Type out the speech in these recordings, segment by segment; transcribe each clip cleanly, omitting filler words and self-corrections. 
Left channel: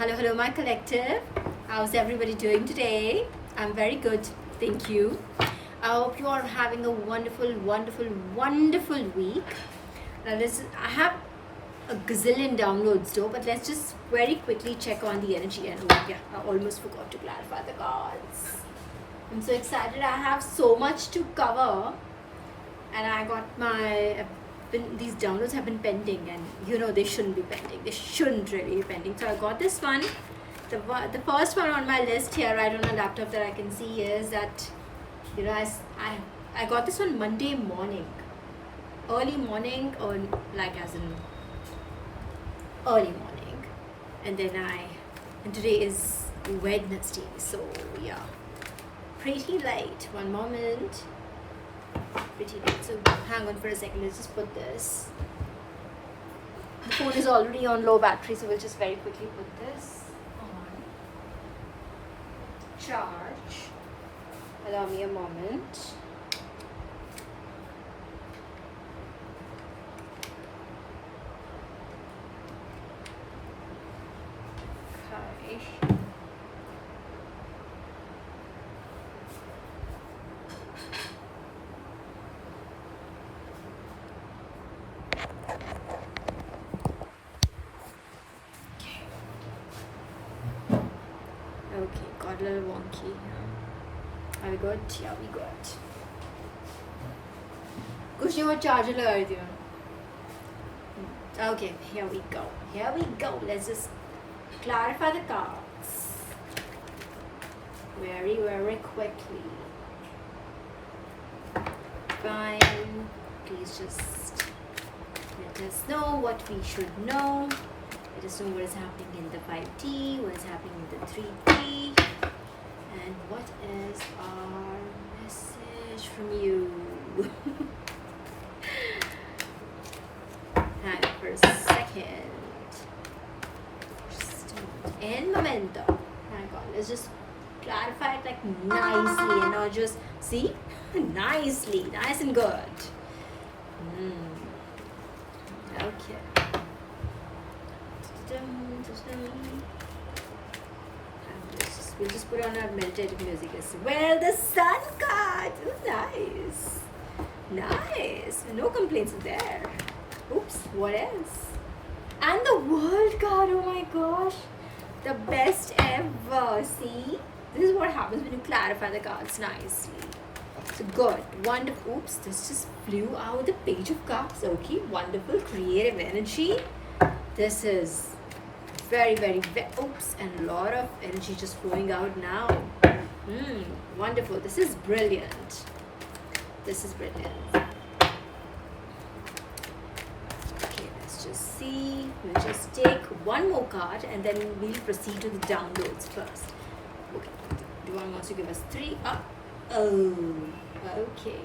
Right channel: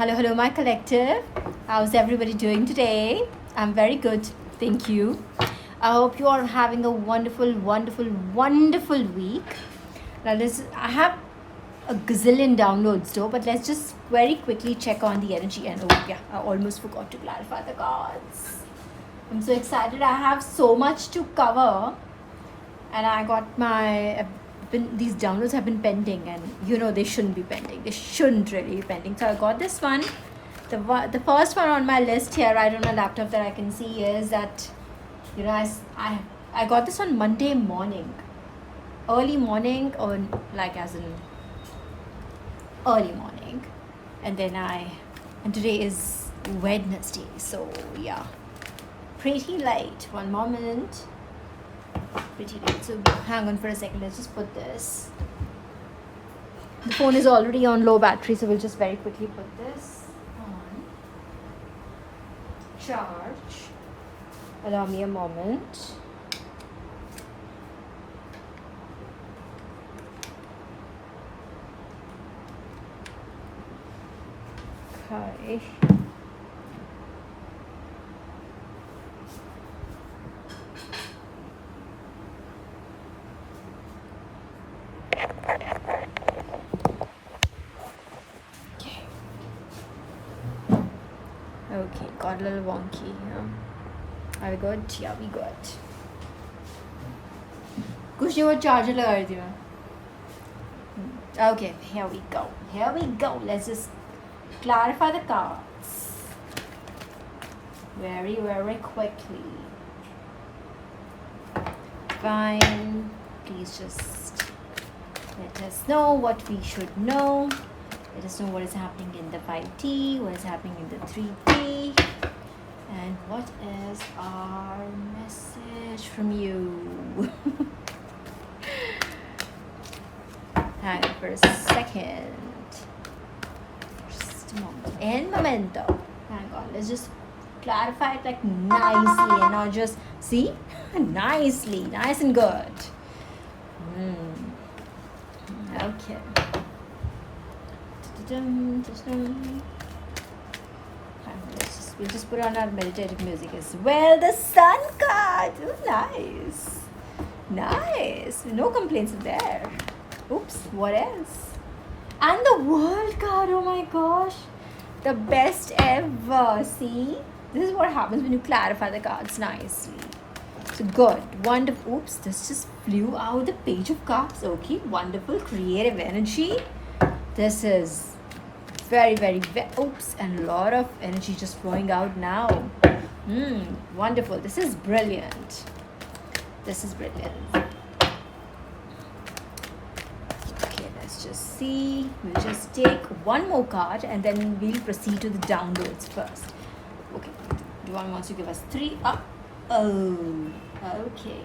Hello, my collective. How's everybody doing today? I'm very good, thank you. I hope you are having a wonderful week. Now, I have a gazillion downloads though, but let's just very quickly check on the energy. And oh, yeah, I almost forgot to clarify the cards. I'm so excited. I have so much to cover, and I got these downloads have been pending, and they shouldn't be pending. They shouldn't really be pending. So I got this one. The first one on my list here, right on my laptop that I can see is that, I got this on Monday morning, early morning, or like as in early morning, and today is Wednesday, so yeah, pretty late. One moment. Pretty late. So hang on for a second. Let's just put this. The phone is already on low battery, so we'll just very quickly put this on charge. Allow me a moment. Hi. Okay, got a little wonky. Are we good? Yeah, we good. कुछ और charger लगा दी मैं. Okay, here we go. Let's just clarify the cards very quickly. Fine. Please just let us know what we should know. Let us know what is happening in the 5T, what is happening in the 3T, and what is our message from you. Hang on for a second. Just a moment. In momento. Oh my god, let's just clarify it like nicely and not just see? Nicely, nice and good. Okay. We'll just put on our meditative music as well. The sun card. Ooh, nice. No complaints there. Oops, what else? And the world card. Oh my gosh, the best ever. See, this is what happens when you clarify the cards nicely. So good, wonderful. Oops, this just flew out. The page of cups. Okay, wonderful, creative energy. This is very oops, and a lot of energy just flowing out now. Wonderful. This is brilliant. Okay, let's just see. We'll just take one more card and then we'll proceed to the downloads first. Okay, Duan wants to give us 3 up. Oh, okay.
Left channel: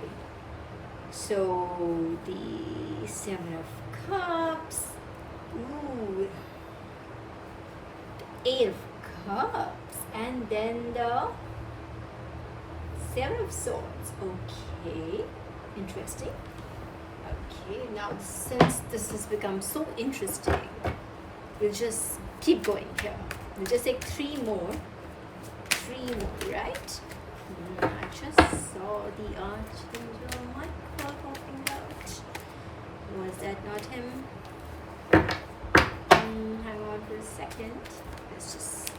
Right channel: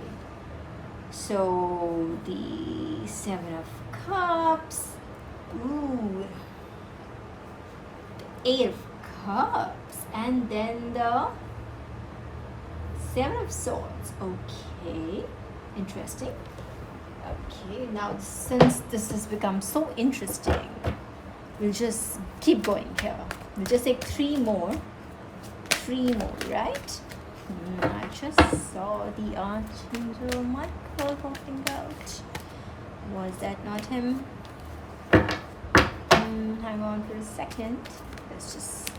So the 7 of Cups. Ooh, the 8 of Cups, and then the 7 of Swords. Okay, interesting. Okay, now since this has become so interesting, we'll just keep going here. We'll just take 3 more, right? I just saw the Archangel Michael walking out. Was that not him? Hang on for a second. Let's just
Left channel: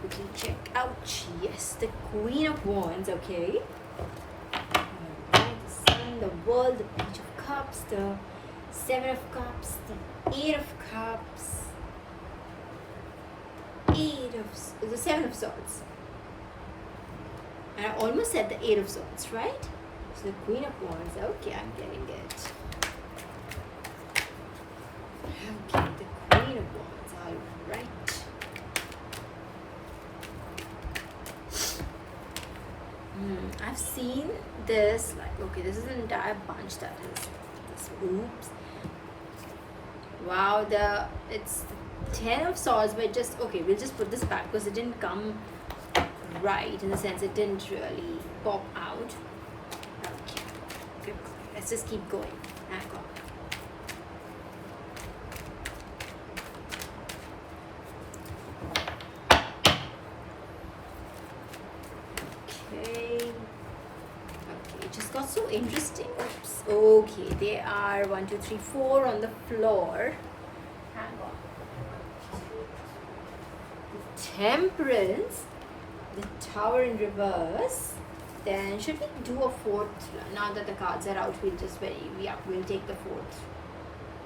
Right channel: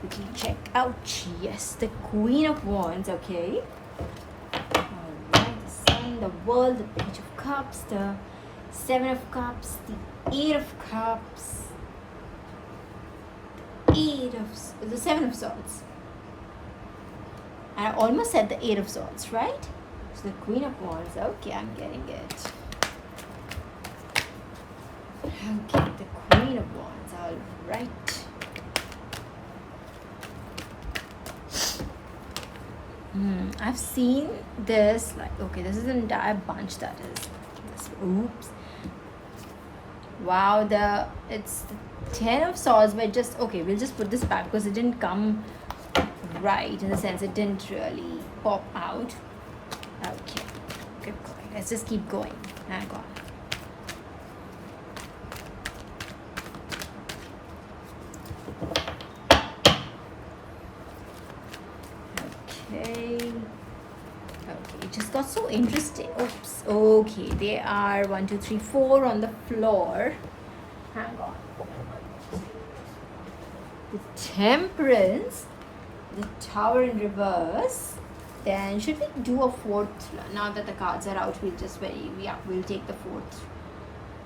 quickly check out. Yes, the Queen of Wands. Okay. Alright, the Sun, the World, the Page of Cups, the 7 of Cups, the 8 of Cups, the 7 of Swords. And I almost said the 8 of Swords, right? So the Queen of Wands. Okay, I'm getting it. Okay, the Queen of Wands. All right. I've seen this. Okay, this is an entire bunch that is. Oops. Wow, it's the 10 of Swords, but just okay. We'll just put this back because it didn't come right, in the sense it didn't really pop out. Okay, keep going. Let's just keep going. Hang on. interesting. Oops. Okay, there are 1, 2, 3, 4 on the floor. Hang on. The Temperance, the Tower in reverse. Then should we do a fourth? Now that the cards are out, we'll take the fourth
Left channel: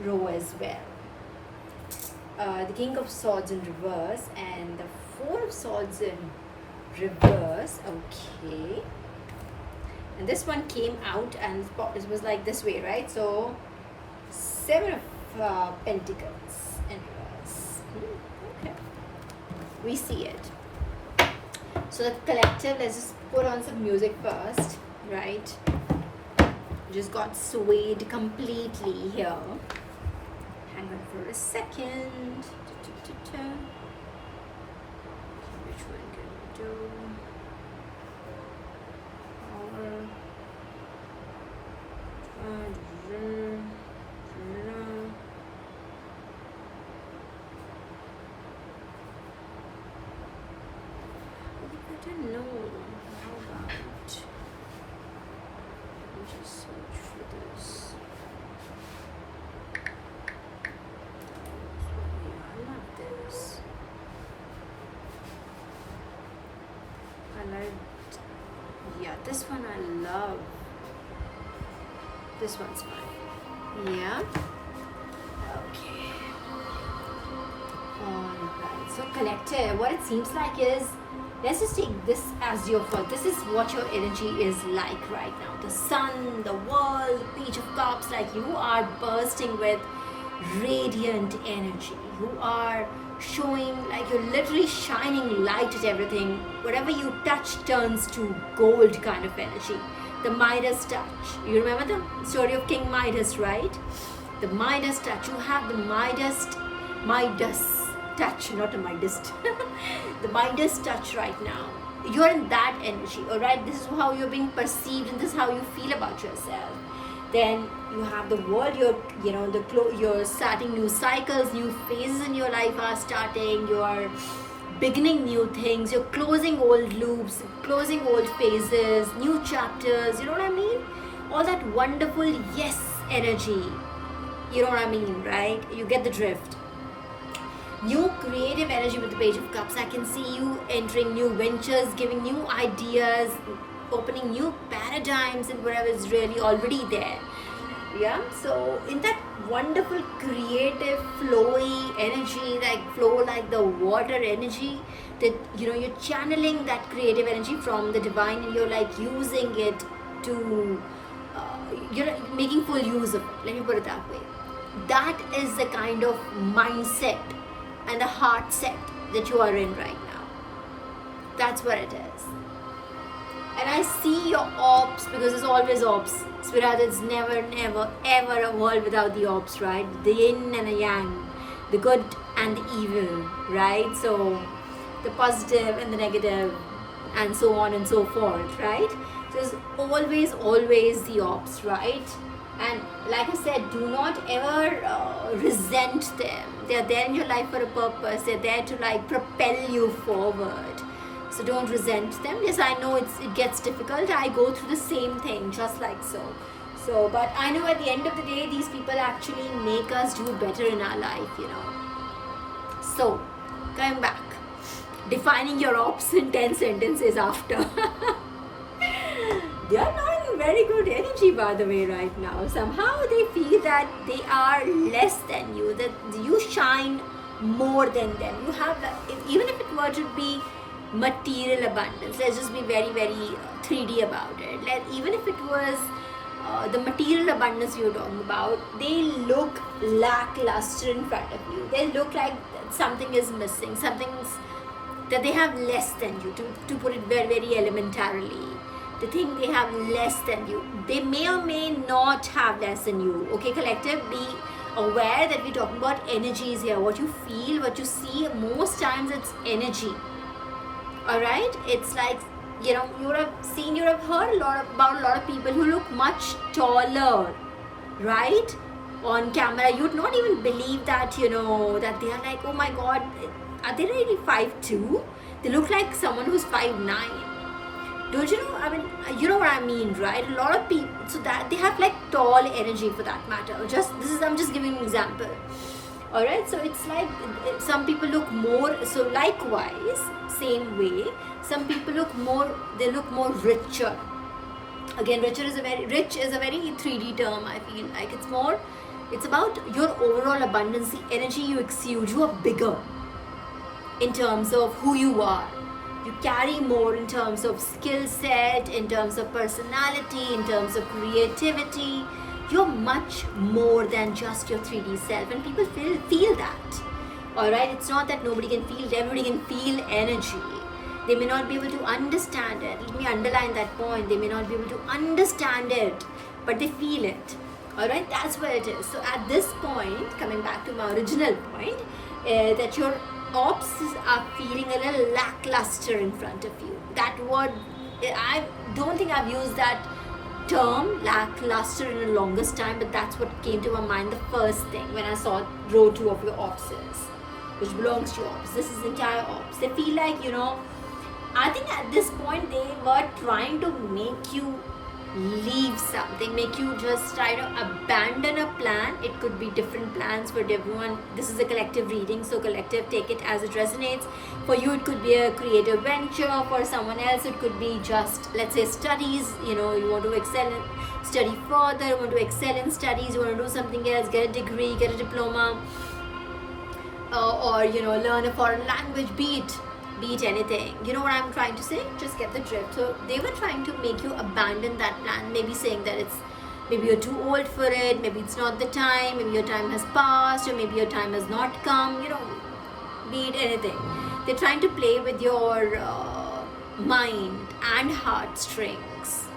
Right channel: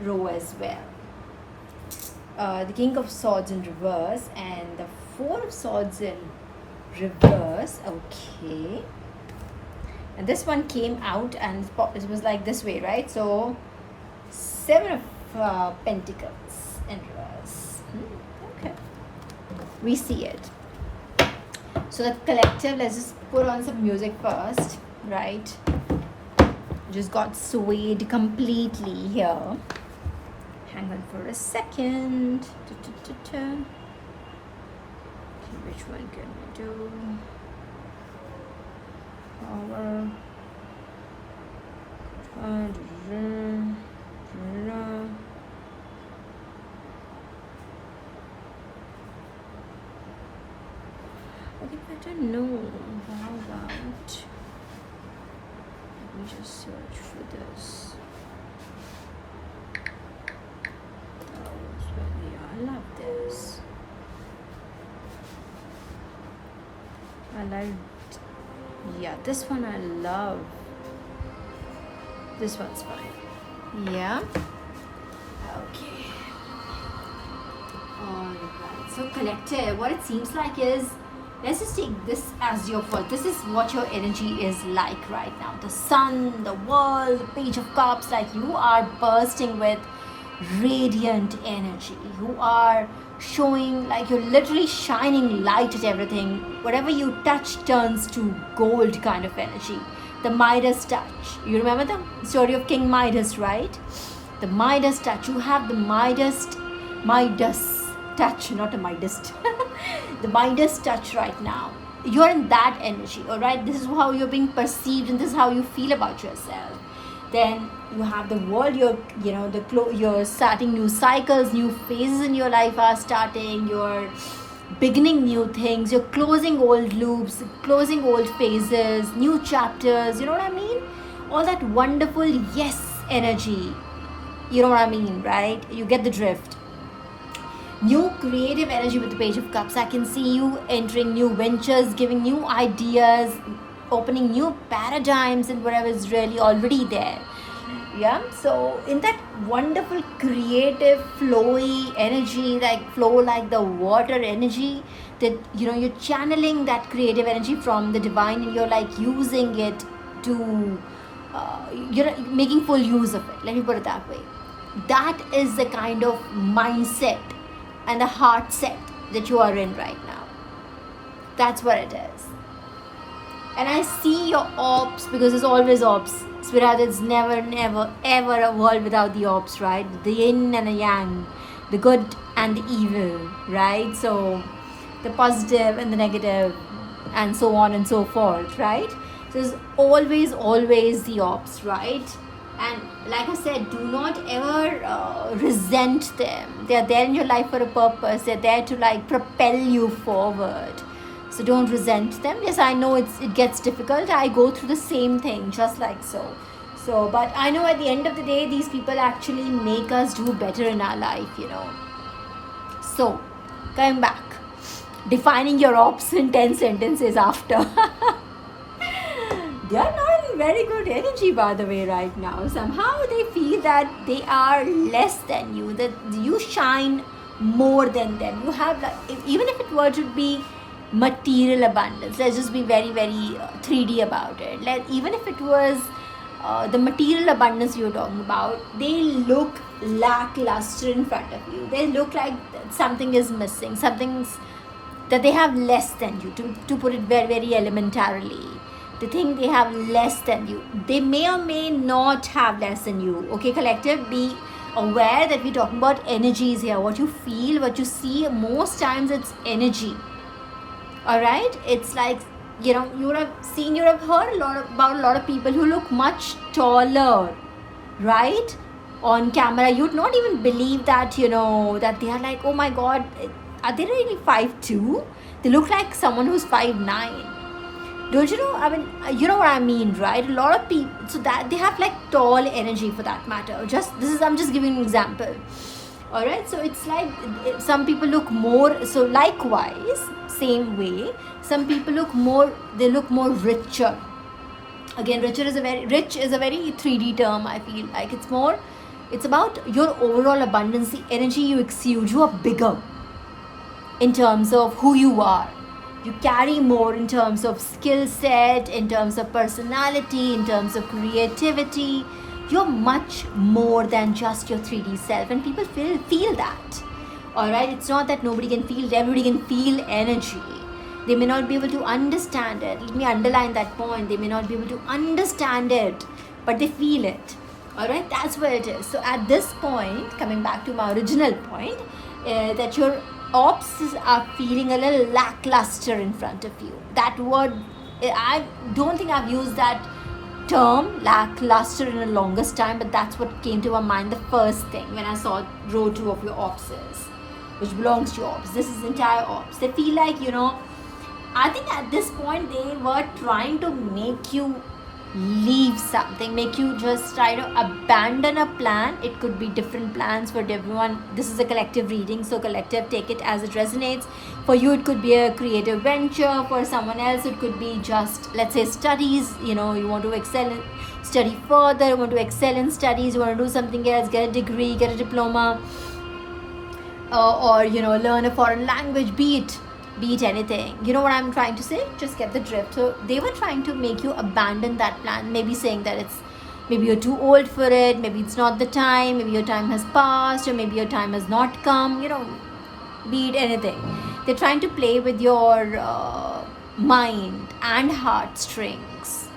row as well. The King of Swords in reverse and the Four of Swords in reverse. Okay. And this one came out and it was like this way, right? So Seven of Pentacles in reverse. Okay. We see it. So the collective, let's just put on some music first, right? Just got swayed completely here. Hang on for a second. Okay, which one can we do? I don't know. How about, let me just search for this. I love this. This one I love. This one's fine. Yeah. Okay. Alright. So collective, what it seems like is, let's just take this as your first. This is what your energy is like right now. The sun, the world, Page of Cups, like you are bursting with radiant energy. You are showing like you're literally shining light at everything. Whatever you touch turns to gold kind of energy. The Midas touch. You remember the story of King Midas, right? The Midas touch. You have the Midas touch, not a Midas. The Midas touch right now. You're in that energy, alright? This is how you're being perceived and this is how you feel about yourself. Then you have the world, you're starting new cycles, new phases in your life are starting, you're beginning new things, you're closing old loops, closing old phases, new chapters, you know what I mean? All that wonderful yes energy, you know what I mean, right? You get the drift. New creative energy with the Page of Cups. I can see you entering new ventures, giving new ideas, opening new paradigms in whatever is really already there. Yeah, so in that wonderful creative flowy energy, flow like the water energy, that you're channeling that creative energy from the divine and you're like using it to you're making full use of it. Let me put it that way. That is the kind of mindset and the heart set that you are in right now. That's what it is. And I see your ops, because it's always ops. Sweetheart, it's never, ever a world without the ops, right? The yin and the yang, the good and the evil, right? So the positive and the negative, and so on and so forth, right? So it's always the ops, right? And like I said, do not ever resent them. They're there in your life for a purpose. They're there to propel you forward. So don't resent them. Yes, I know it gets difficult. I go through the same thing, just like so. But I know at the end of the day, these people actually make us do better in our life, So, coming back. Defining your ops in 10 sentences after. They are not in very good energy, by the way, right now. Somehow they feel that they are less than you, that you shine more than them. You have, even if it were to be material abundance, let's just be very, very 3D about it. Even if it was the material abundance you're talking about, they look lackluster in front of you. They look like something is missing, something's that they have less than you, to put it very, very elementarily. They think they have less than you. They may or may not have less than you. Okay, collective, be aware that we're talking about energies here. What you feel, what you see, most times it's energy. Alright? It's like, you would have heard about a lot of people who look much taller, right? On camera. You'd not even believe that, that they are like, oh my god, are they really 5'2"? They look like someone who's 5'9". Don't you know? I mean, you know what I mean, right? A lot of people, so that they have like tall energy for that matter. I'm just giving an example. All right, so it's like some people look more. So likewise, same way, some people look more. They look more richer. Again, rich is a very 3D term. I feel like it's about your overall abundance, the energy you exude. You are bigger in terms of who you are. You carry more in terms of skill set, in terms of personality, in terms of creativity. You're much more than just your 3D self, and people feel that. All right, it's not that nobody can feel it. Everybody can feel energy. They may not be able to understand it. Let me underline that point. They may not be able to understand it, but they feel it. All right, that's where it is. So at this point, coming back to my original point, that your ops are feeling a little lackluster in front of you. That word, I don't think I've used that term lackluster in the longest time, but that's what came to my mind the first thing when I saw row 2 of your opses, which belongs to ops. This is entire ops. They feel like, I think at this point they were trying to make you leave something, make you just try to abandon a plan. It could be different plans for everyone. This is a collective reading, so collective, take it as it resonates. For you it could be a creative venture, for someone else it could be just, let's say, studies. You want to study further, you want to excel in studies, you want to do something else, get a degree, get a diploma, or learn a foreign language, be it anything. You know what I'm trying to say? Just get the drift. So they were trying to make you abandon that plan, maybe saying that maybe you're too old for it, maybe it's not the time, maybe your time has passed, or maybe your time has not come, be it anything. They're trying to play with your mind and heartstrings.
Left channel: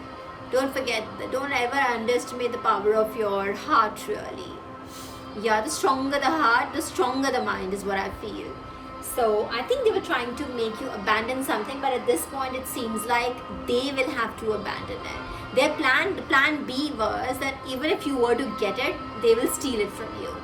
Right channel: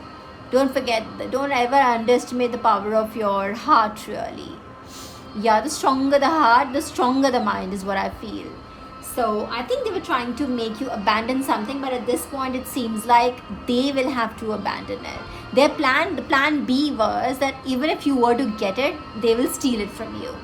Don't ever underestimate the power of your heart, really. Yeah, the stronger the heart, the stronger the mind is what I feel. So I think they were trying to make you abandon something, but at this point it seems like they will have to abandon it. The plan B was that even if you were to get it, they will steal it from you.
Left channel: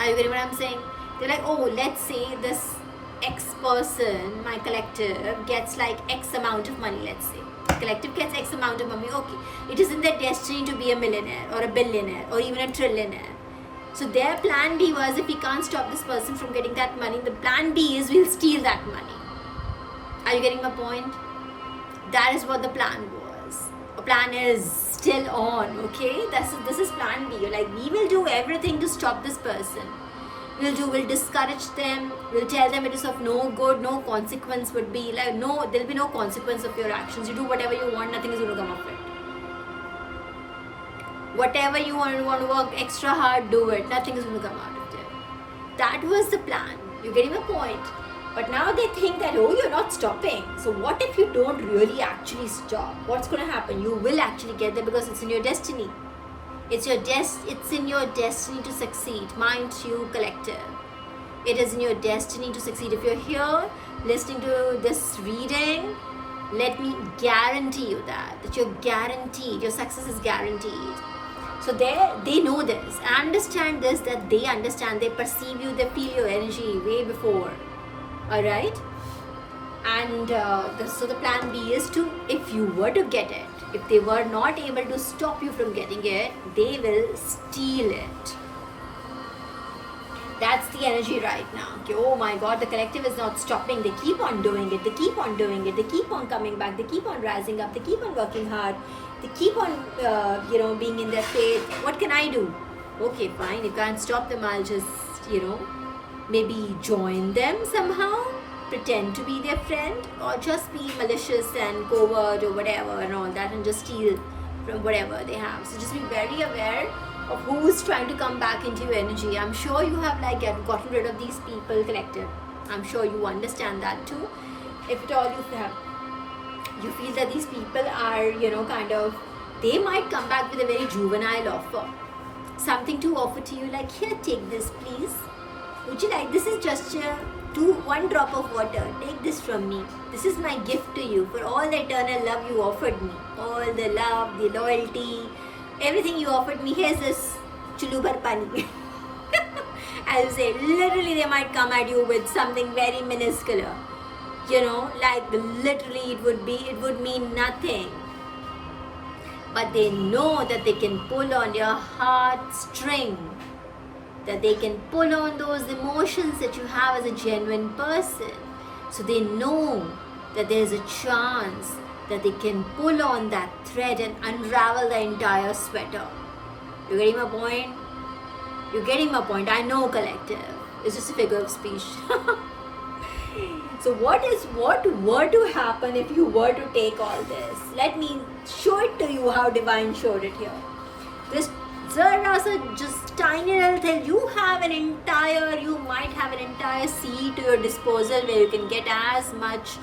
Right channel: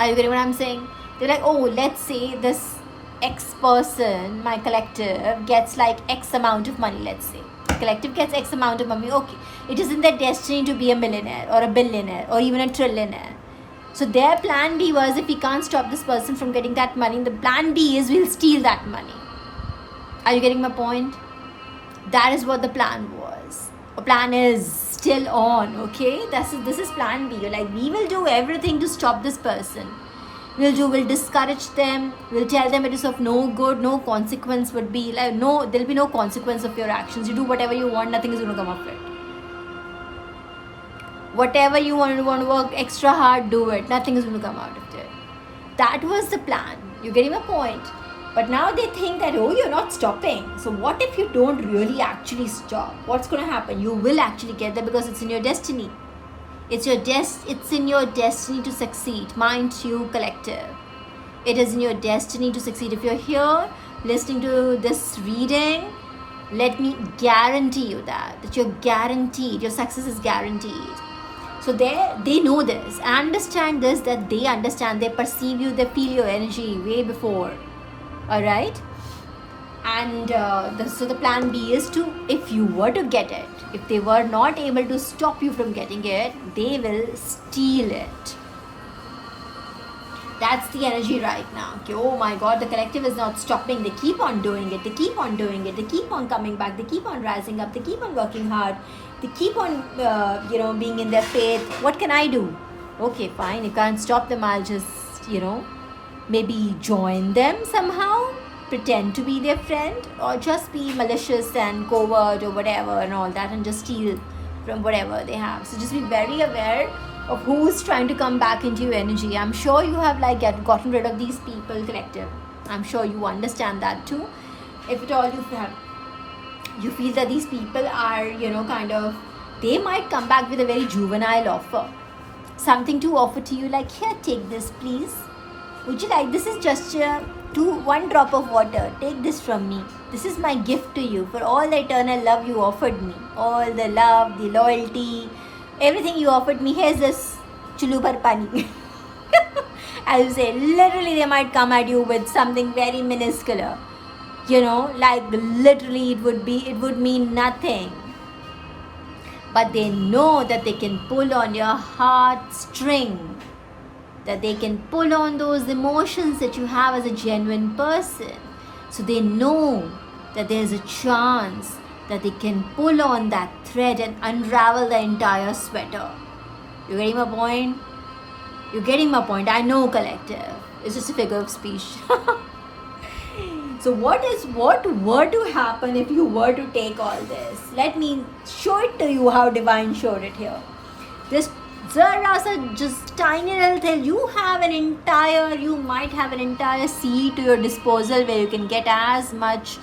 Are you getting what I'm saying? They're like, oh, let's say this X person, my collective, gets like X amount of money, let's say. Collective gets X amount of money, okay. It isn't their destiny to be a millionaire or a billionaire or even a trillionaire. So their plan B was, if we can't stop this person from getting that money, the plan B is we'll steal that money. Are you getting my point? That is what the plan was. A plan is still on, okay? This is plan B. Like, we will do everything to stop this person. We'll discourage them. We'll tell them it is of no good. No consequence would be like, no, there'll be no consequence of your actions. You do whatever you want, nothing is going to come of it. Whatever you want to work extra hard, do it. Nothing is going to come out of it. That was the plan. You're getting my point. But now they think that, oh, you're not stopping. So what if you don't really actually stop? What's going to happen? You will actually get there because it's in your destiny. It's in your destiny to succeed. Mind you, collective. It is in your destiny to succeed. If you're here listening to this reading, let me guarantee you that you're guaranteed. Your success is guaranteed. So they know this, understand this, that they understand, they perceive you, they feel your energy way before. Alright? And so the plan B is to, if you were to get it, if they were not able to stop you from getting it, they will steal it. That's the energy right now. Okay, oh my God, the collective is not stopping. They keep on doing it. They keep on doing it. They keep on coming back. They keep on rising up. They keep on working hard. They keep on, being in their faith. What can I do? Okay, fine. You can't stop them. I'll just, maybe join them somehow. Pretend to be their friend. Or just be malicious and covert or whatever and all that. And just steal from whatever they have. So just be very aware of who's trying to come back into your energy. I'm sure you have gotten rid of these people, collective. I'm sure you understand that too. If at all you feel that these people are, they might come back with a very juvenile offer. Something to offer to you like, here, take this please. Would you like, this is just one drop of water. Take this from me. This is my gift to you for all the eternal love you offered me. All the love, the loyalty, everything you offered me. Here's this chulu bhar pani. As you say, literally they might come at you with something very minuscule. like literally it would mean nothing. But they know that they can pull on your heartstring, that they can pull on those emotions that you have as a genuine person. So they know that there's a chance that they can pull on that thread and unravel the entire sweater. You getting my point? You're getting my point. I know, collective. It's just a figure of speech. So what were to happen if you were to take all this? Let me show it to you how divine showed it here. This Zarasa just tiny little thing. You might have an entire sea to your disposal where you can get as much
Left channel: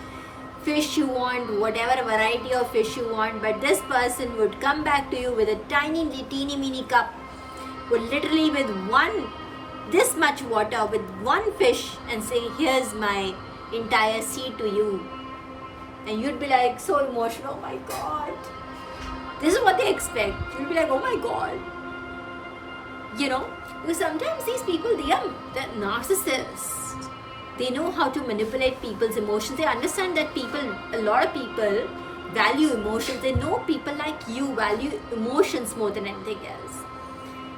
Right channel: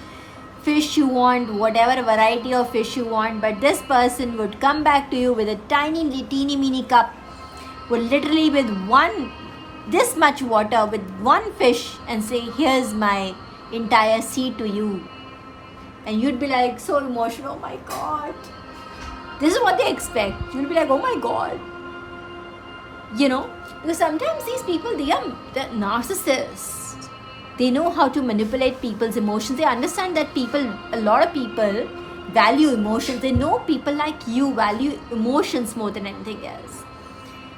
fish you want, whatever variety of fish you want, but this person would come back to you with a teeny mini cup, would literally with this much water, with one fish, and say, here's my entire sea to you. And you'd be like so emotional, oh my god. This is what they expect. You'd be like, oh my god. Because sometimes these people, they're narcissists. They know how to manipulate people's emotions. They understand that a lot of people value emotions. They know people like you value emotions more than anything else.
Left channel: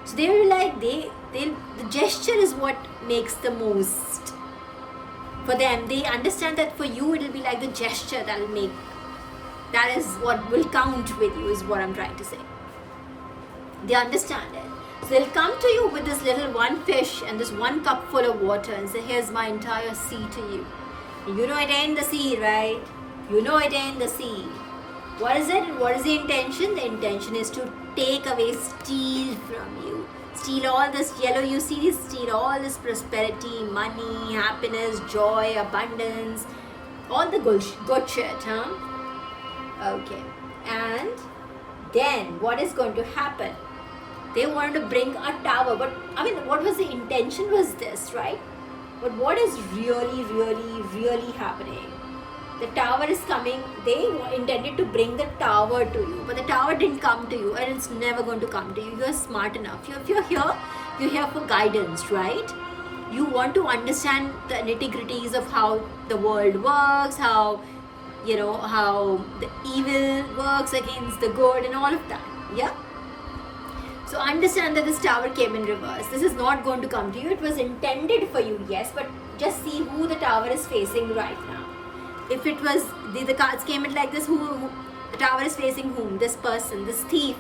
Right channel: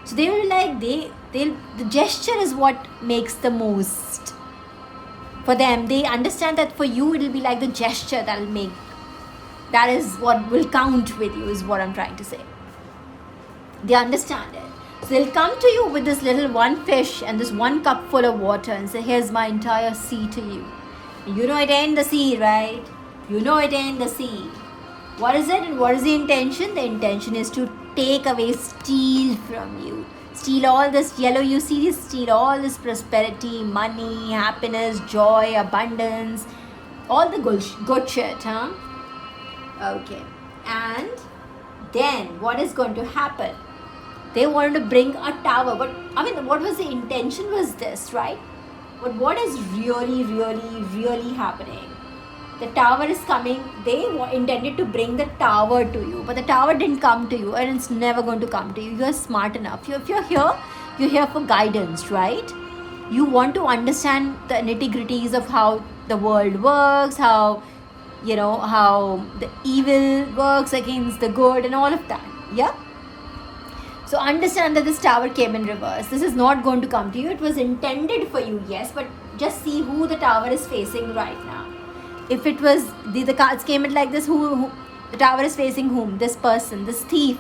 So they will be like, the gesture is what makes the most. For them, they understand that for you, it'll be like the gesture that is what will count with you, is what I'm trying to say. They understand it. So they'll come to you with this little one fish and this one cup full of water and say, here's my entire sea to you. You know it ain't the sea, right? You know it ain't the sea. What is it? What is the intention? The intention is to take away, steal from you. Steal all this yellow you see, steal all this prosperity, money, happiness, joy, abundance, all the good shit, huh? Okay. And then what is going to happen? They wanted to bring a tower, but what was the intention was this, right? But what is really happening? The tower is coming. They intended to bring the tower to you, but the tower didn't come to you, and it's never going to come to you. You're smart enough. If you're here for guidance, right? You want to understand the nitty-gritties of how the world works, how the evil works against the good and all of that. Yeah? So understand that this tower came in reverse. This is not going to come to you. It was intended for you, yes, but just see who the tower is facing right now. If it was, the cards came in like this, who the tower is facing whom? This person, this thief.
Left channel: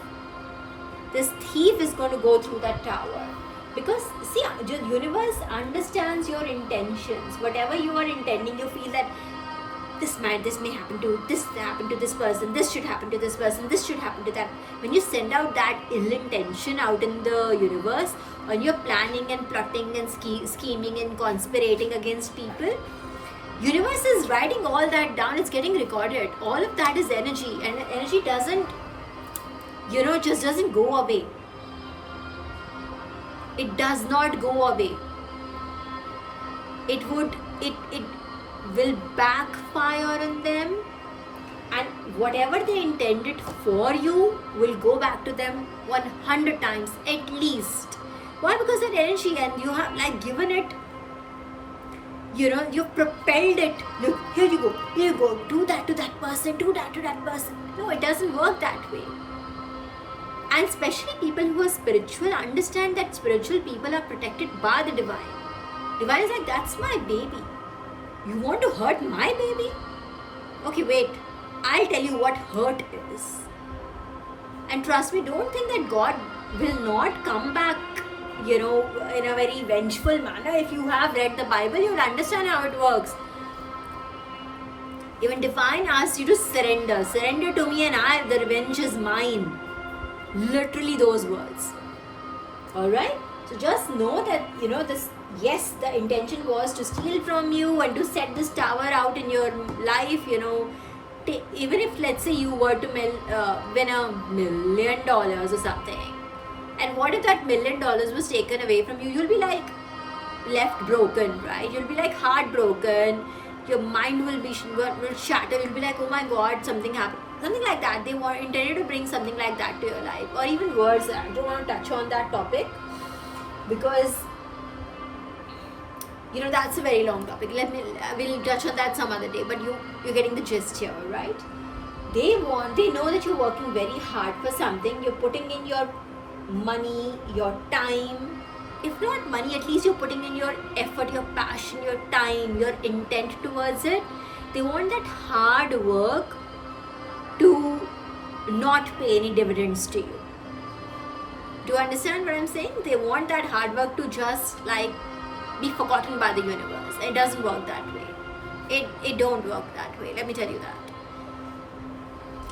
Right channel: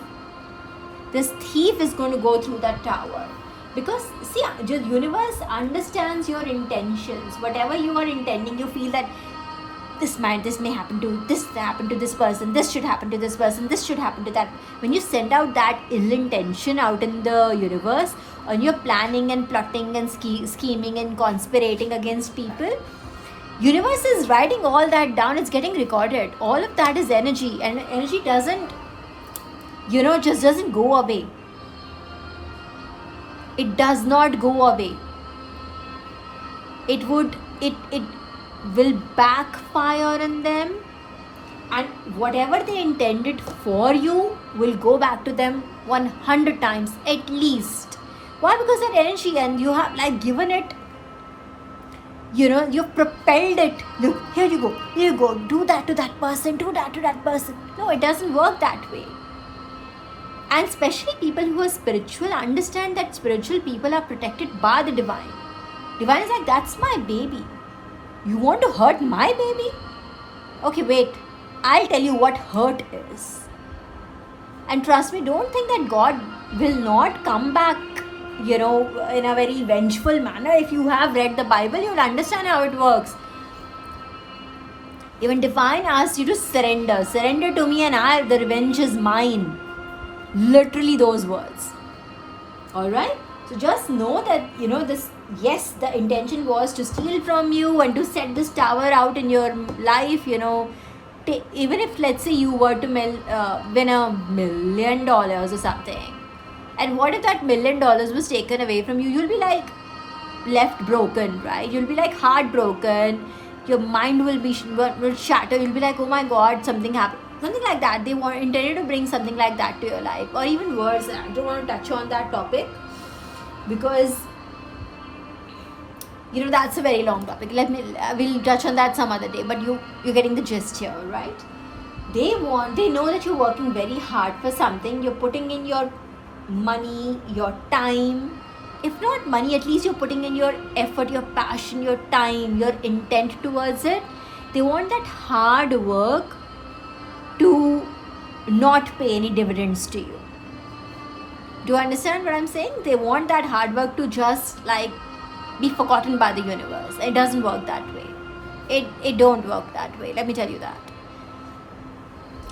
This thief is going to go through that tower. Because, see, the universe understands your intentions. Whatever you are intending, you feel that this may happen to this person, this should happen to this person, this should happen to that. When you send out that ill intention out in the universe, and you're planning and plotting and scheming and conspirating against people, universe is writing all that down. It's getting recorded. All of that is energy, and energy doesn't go away. It does not go away. It will backfire on them, and whatever they intended for you will go back to them 100 times at least. Why? Because that energy, and you have given it, you've propelled it. Look, here you go, do that to that person, do that to that person. No, it doesn't work that way. And especially people who are spiritual understand that spiritual people are protected by the divine. Divine is like, that's my baby. You want to hurt my baby? Okay, wait. I'll tell you what hurt is. And trust me, don't think that God will not come back, in a very vengeful manner. If you have read the Bible, you'll understand how it works. Even divine asks you to surrender. Surrender to me and the revenge is mine. Literally those words. Alright? So just know that, this, yes, the intention was to steal from you and to set this tower out in your life, even if, let's say, you were to win $1 million or something. And what if that $1 million was taken away from you? You'll be like left broken, right? You'll be like heartbroken. Your mind will shatter. You'll be like, oh my God, something happened. Something like that. They intended to bring something like that to your life, or even worse. I don't want to touch on that topic because That's a very long topic. We'll touch on that some other day, but you're getting the gist here, right? They know that you're working very hard for something. You're putting in your money, your time. If not money, at least you're putting in your effort, your passion, your time, your intent towards it. They want that hard work to not pay any dividends to you. Do you understand what I'm saying? They want that hard work to just like be forgotten by the universe. It doesn't work that way. It don't work that way. Let me tell you that.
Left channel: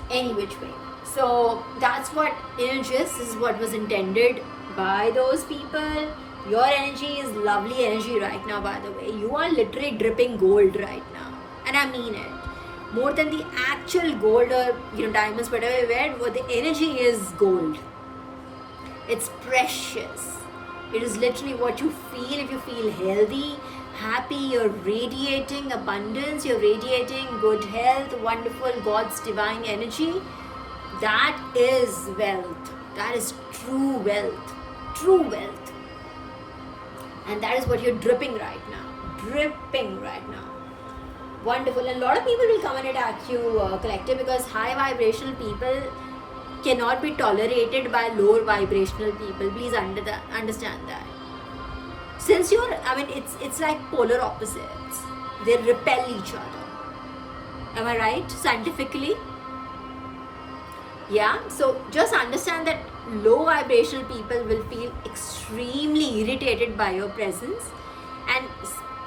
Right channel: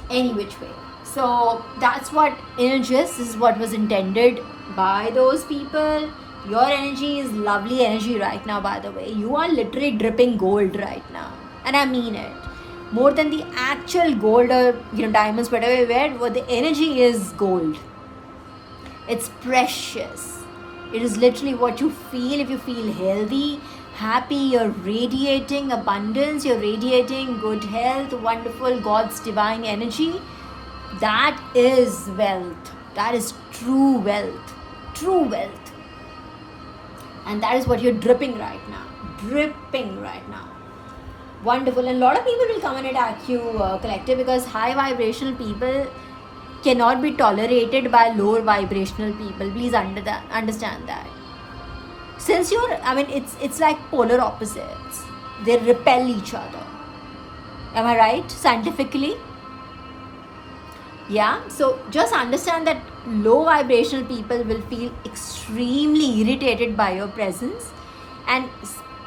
Any which way. So that's what this is what was intended by those people. Your energy is lovely energy right now, by the way. You are literally dripping gold right now. And I mean it. More than the actual gold or diamonds, whatever you wear, the energy is gold. It's precious. It is literally what you feel. If you feel healthy, happy, you're radiating abundance, you're radiating good health, wonderful God's divine energy. That is wealth. That is true wealth. True wealth. And that is what you're dripping right now. Dripping right now. Wonderful. And a lot of people will come and attack you, collective, because high vibrational people cannot be tolerated by lower vibrational people. Please understand that. Since it's like polar opposites. They repel each other. Am I right? Scientifically? Yeah. So just understand that low vibrational people will feel extremely irritated by your presence, and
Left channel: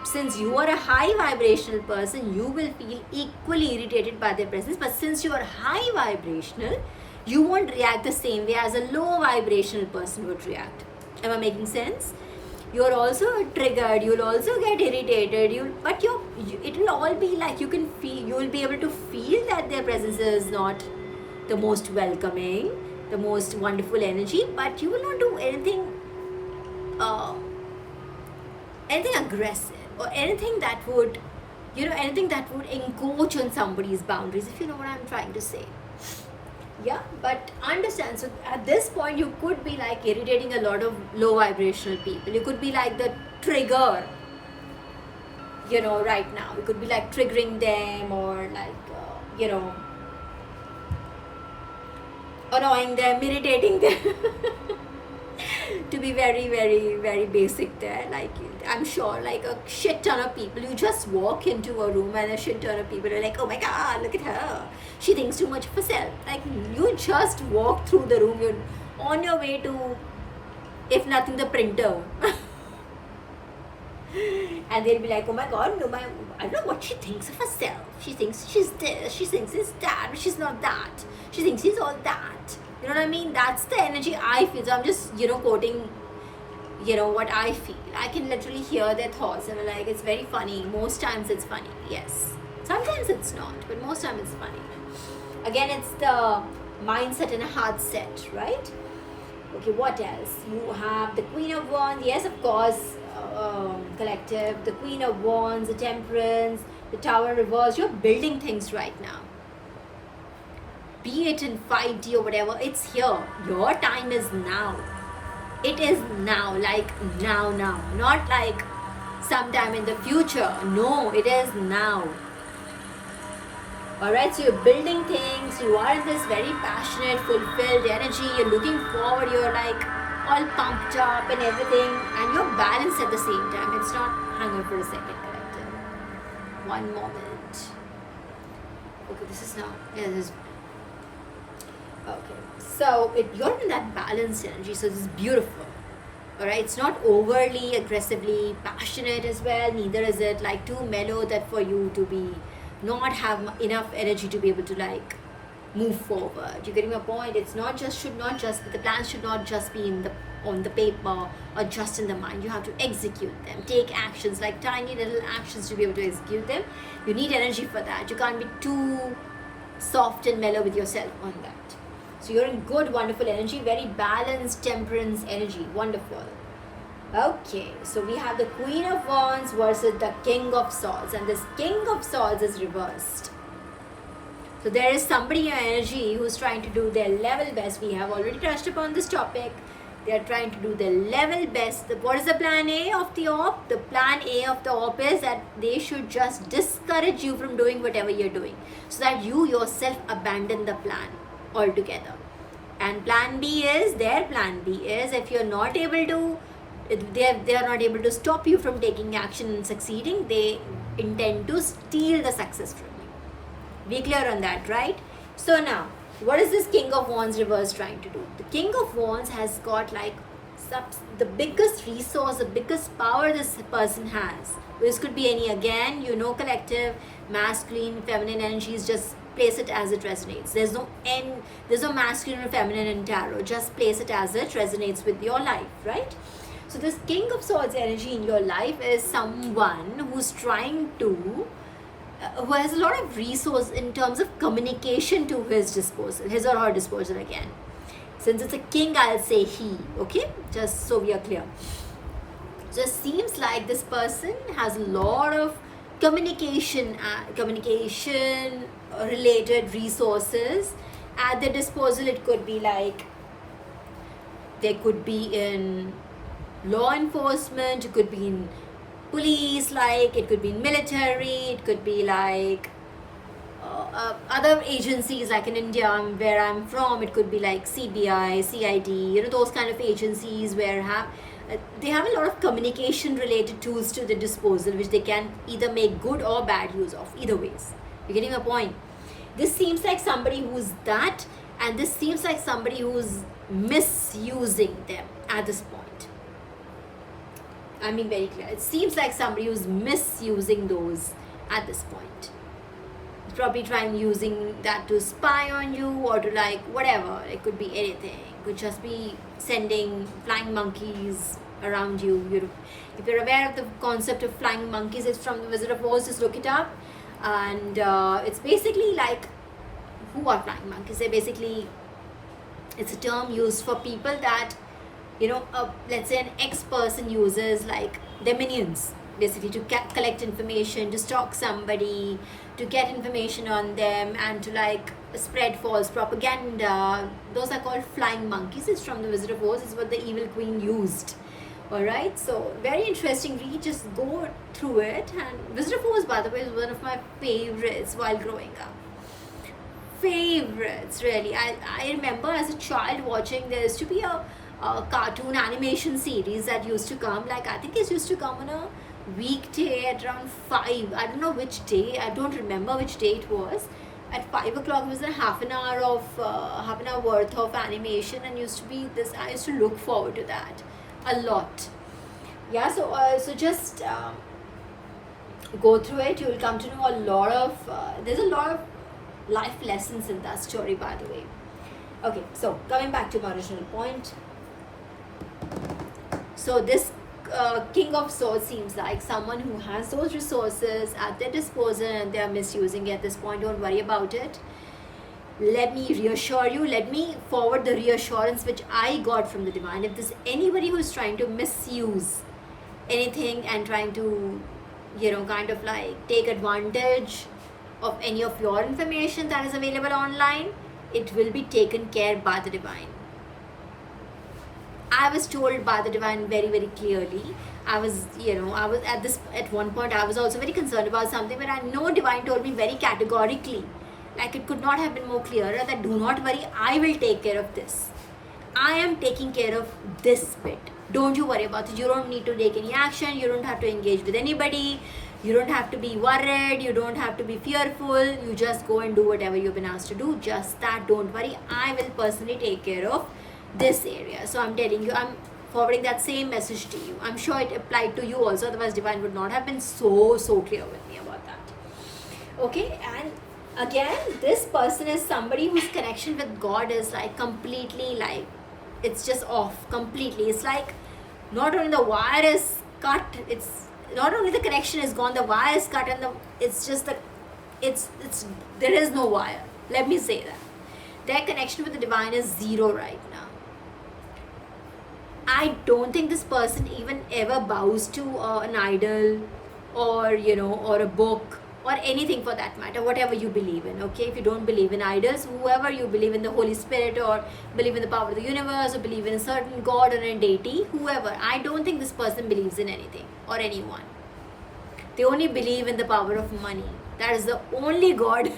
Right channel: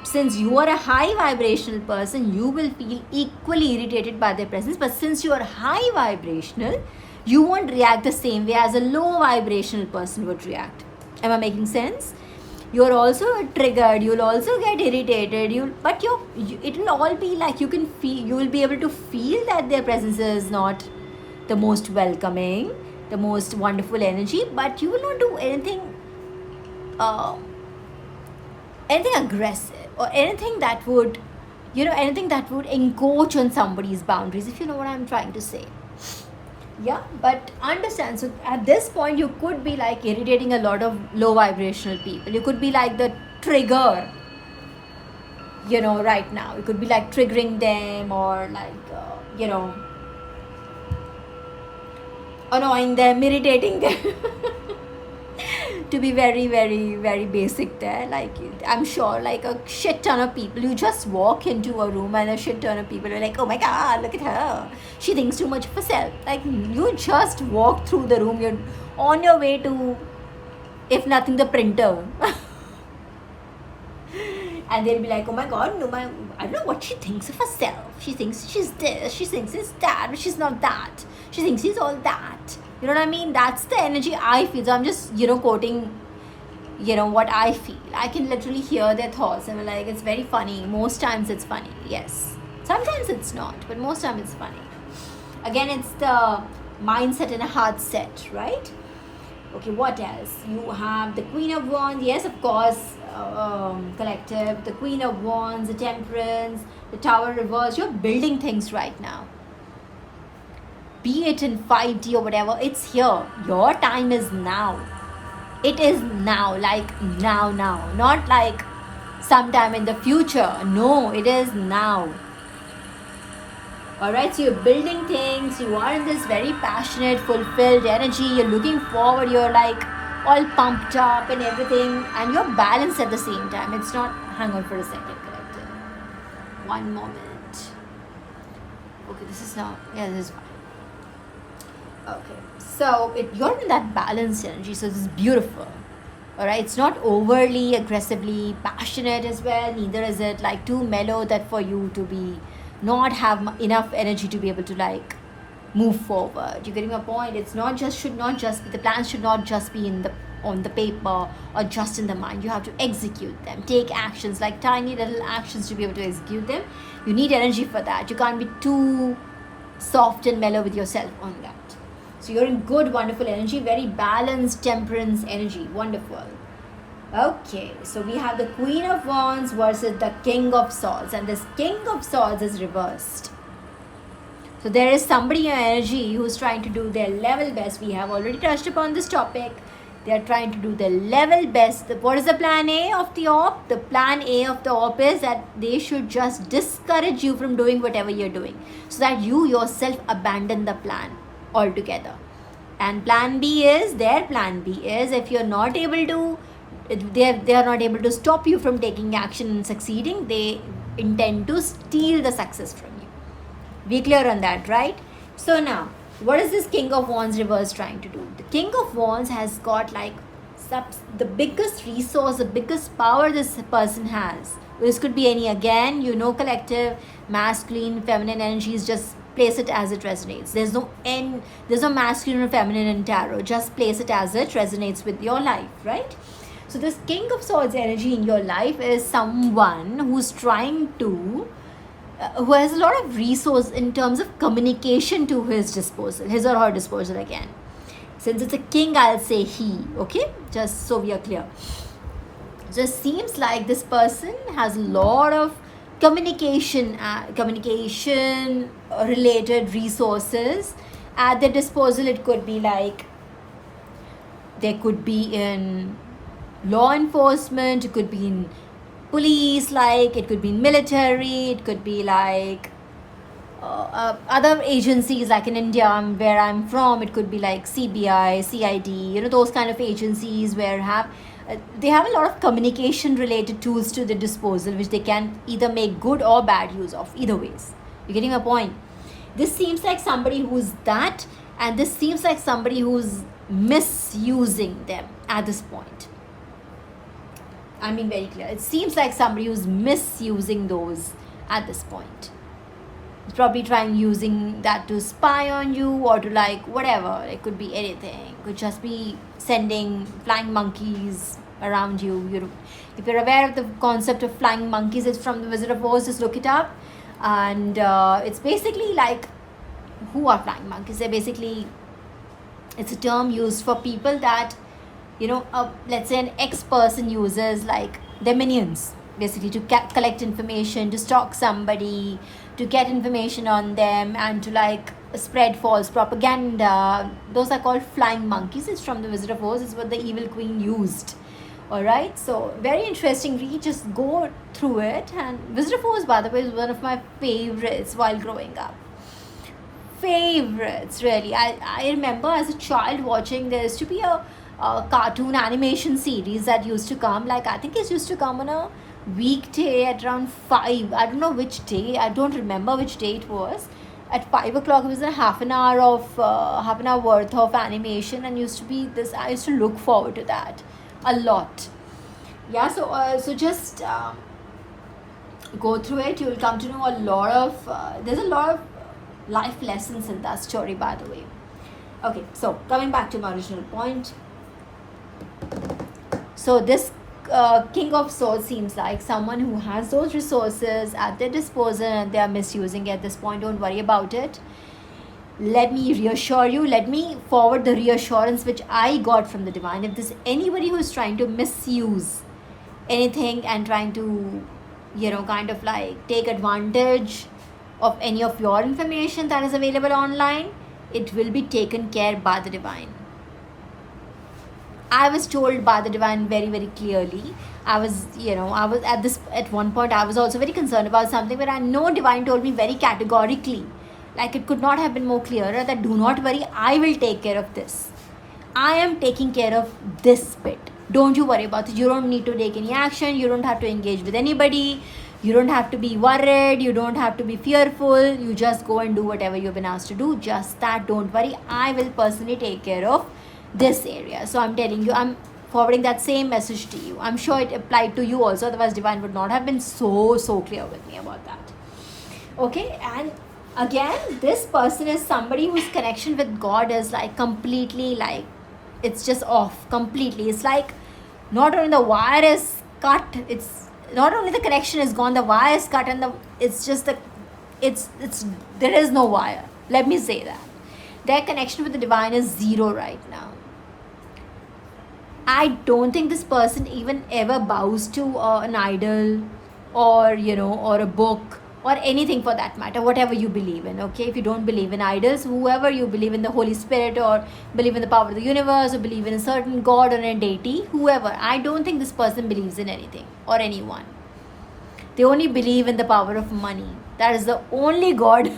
since you are a high vibrational person, you will feel equally irritated by their presence. But since you are high vibrational, you won't react the same way as a low vibrational person would react. Am I making sense? You're also triggered, you'll also get irritated, it will all be like you will be able to feel that their presence is not the most welcoming, the most wonderful energy, but you will not do anything aggressive or anything that would encroach on somebody's boundaries, if you know what I'm trying to say. Yeah, but understand, so at this point you could be like irritating a lot of low vibrational people. You could be like the trigger, right now. You could be like triggering them, or like annoying them, irritating them. To be very, very, very basic there. Like, I'm sure like a shit ton of people, you just walk into a room and a shit ton of people are like, oh my god, look at her, she thinks too much of herself. Like, you just walk through the room, you're on your way to, if nothing, the printer. And they'll be like, oh my god, no, I don't know what she thinks of herself. She thinks she's this, she thinks she's that, but she's not that. She thinks she's all that. You know what I mean? That's the energy I feel. So I'm just, quoting, what I feel. I can literally hear their thoughts, and like, it's very funny. Most times it's funny, yes. Sometimes it's not, but most times it's funny. Again, it's the mindset and a heart set, right? Okay, what else? You have the Queen of Wands. Yes, of course, collective. The Queen of Wands, the Temperance, the Tower reverse. You're building things right now. Be it in 5D or whatever, it's here. Your time is now. It is now, like now. Not like sometime in the future. No, it is now. Alright, so you're building things. You are in this very passionate, fulfilled energy. You're looking forward. You're like all pumped up and everything. And you're balanced at the same time. It's not, hang on for a second, collective. One moment. Okay, this is not, yeah, this is fine. Okay, so you're in that balanced energy, so this is beautiful. Alright, it's not overly aggressively passionate as well, neither is it like too mellow that for you to be not have enough energy to be able to like move forward. You're getting my point? It's not just, should not just be, the plans should not just be on the paper or just in the mind. You have to execute them, take actions, like tiny little actions to be able to execute them. You need energy for that. You can't be too soft and mellow with yourself on that. So you're in good, wonderful energy, very balanced, temperance energy. Wonderful. Okay, so we have the Queen of Wands versus the King of Swords. And this King of Swords is reversed. So there is somebody in your energy who's trying to do their level best. We have already touched upon this topic. They are trying to do the level best. What is the plan A of the op? The plan A of the op is that they should just discourage you from doing whatever you're doing, so that you yourself abandon the plan altogether. And plan B is, their plan B is, if you're not able to, they are not able to stop you from taking action and succeeding, they intend to steal the success from you. Be clear on that, right? So now, what is this King of Wands reverse trying to do? The King of Wands has got like the biggest resource, the biggest power this person has. This could be any, again, you know, collective, masculine, feminine energies, just place it as it resonates. There's no masculine or feminine in tarot. Just place it as it resonates with your life, right? So this King of Swords energy in your life is someone who's trying to, who has a lot of resource in terms of communication to his disposal, his or her disposal again. Since it's a king, I'll say he, okay? Just so we are clear. Just seems like this person has a lot of communication related resources at their disposal. It could be like, they could be in law enforcement, it could be in police, like it could be in military, it could be like other agencies, like in India where I'm from, it could be like CBI, CID, you know, those kind of agencies where they have a lot of communication related tools to their disposal, which they can either make good or bad use of. Either ways, you're getting a point. This seems like somebody who's that, and this seems like somebody who's misusing them at this point. I'm being very clear. It seems like somebody who's misusing those at this point. It's probably trying using that to spy on you, or to like whatever. It could be anything. It could just be sending flying monkeys around you. If you're aware of the concept of flying monkeys, it's from the Wizard of Oz. Just look it up, and it's basically like, who are flying monkeys? It's a term used for people that, you know, let's say an ex-person uses like their minions, basically to collect information, to stalk somebody, to get information on them, and to like spread false propaganda. Those are called flying monkeys. It's from the Wizard of Oz. It's what the evil queen used. Alright, so very interesting read. Just go through it. And Wizard of Oz, by the way, is one of my favorites while growing up. Favorites, really. I remember as a child watching, there used to be a cartoon animation series that used to come, like I think it used to come on a weekday at around 5. I don't know which day, I don't remember which day it was. At 5 o'clock, it was a half an hour worth of animation, and used to be this. I used to look forward to that a lot. Yeah, so just go through it. You will come to know a lot of. There's a lot of life lessons in that story, by the way. Okay, so coming back to my original point. So this King of Swords seems like someone who has those resources at their disposal, and they are misusing it at this point. Don't worry about it. Let me reassure you. Let me forward the reassurance which I got from the divine. If there's anybody who's trying to misuse anything and trying to, you know, kind of like take advantage of any of your information that is available online, it will be taken care by the divine. I was told by the divine very, very clearly. I was at one point, I was also very concerned about something, but I know divine told me very categorically, like it could not have been more clearer, that do not worry, I will take care of this. I am taking care of this bit. Don't you worry about it. You don't need to take any action. You don't have to engage with anybody. You don't have to be worried. You don't have to be fearful. You just go and do whatever you've been asked to do. Just that. Don't worry. I will personally take care of this area. So I'm telling you, I'm forwarding that same message to you. I'm sure it applied to you also. Otherwise, divine would not have been so clear with me about that. Okay, and again, this person is somebody whose connection with God is like completely like, it's just off completely. It's like not only the wire is cut, it's not only the connection is gone, the wire is cut, and there is no wire. Let me say that. Their connection with the divine is zero right now. I don't think this person even ever bows to an idol, or or a book, or anything for that matter, whatever you believe in. Okay, if you don't believe in idols, whoever you believe in the Holy Spirit, or believe in the power of the universe, or believe in a certain god or a deity, whoever, I don't think this person believes in anything or anyone. They only believe in the power of money. That is the only god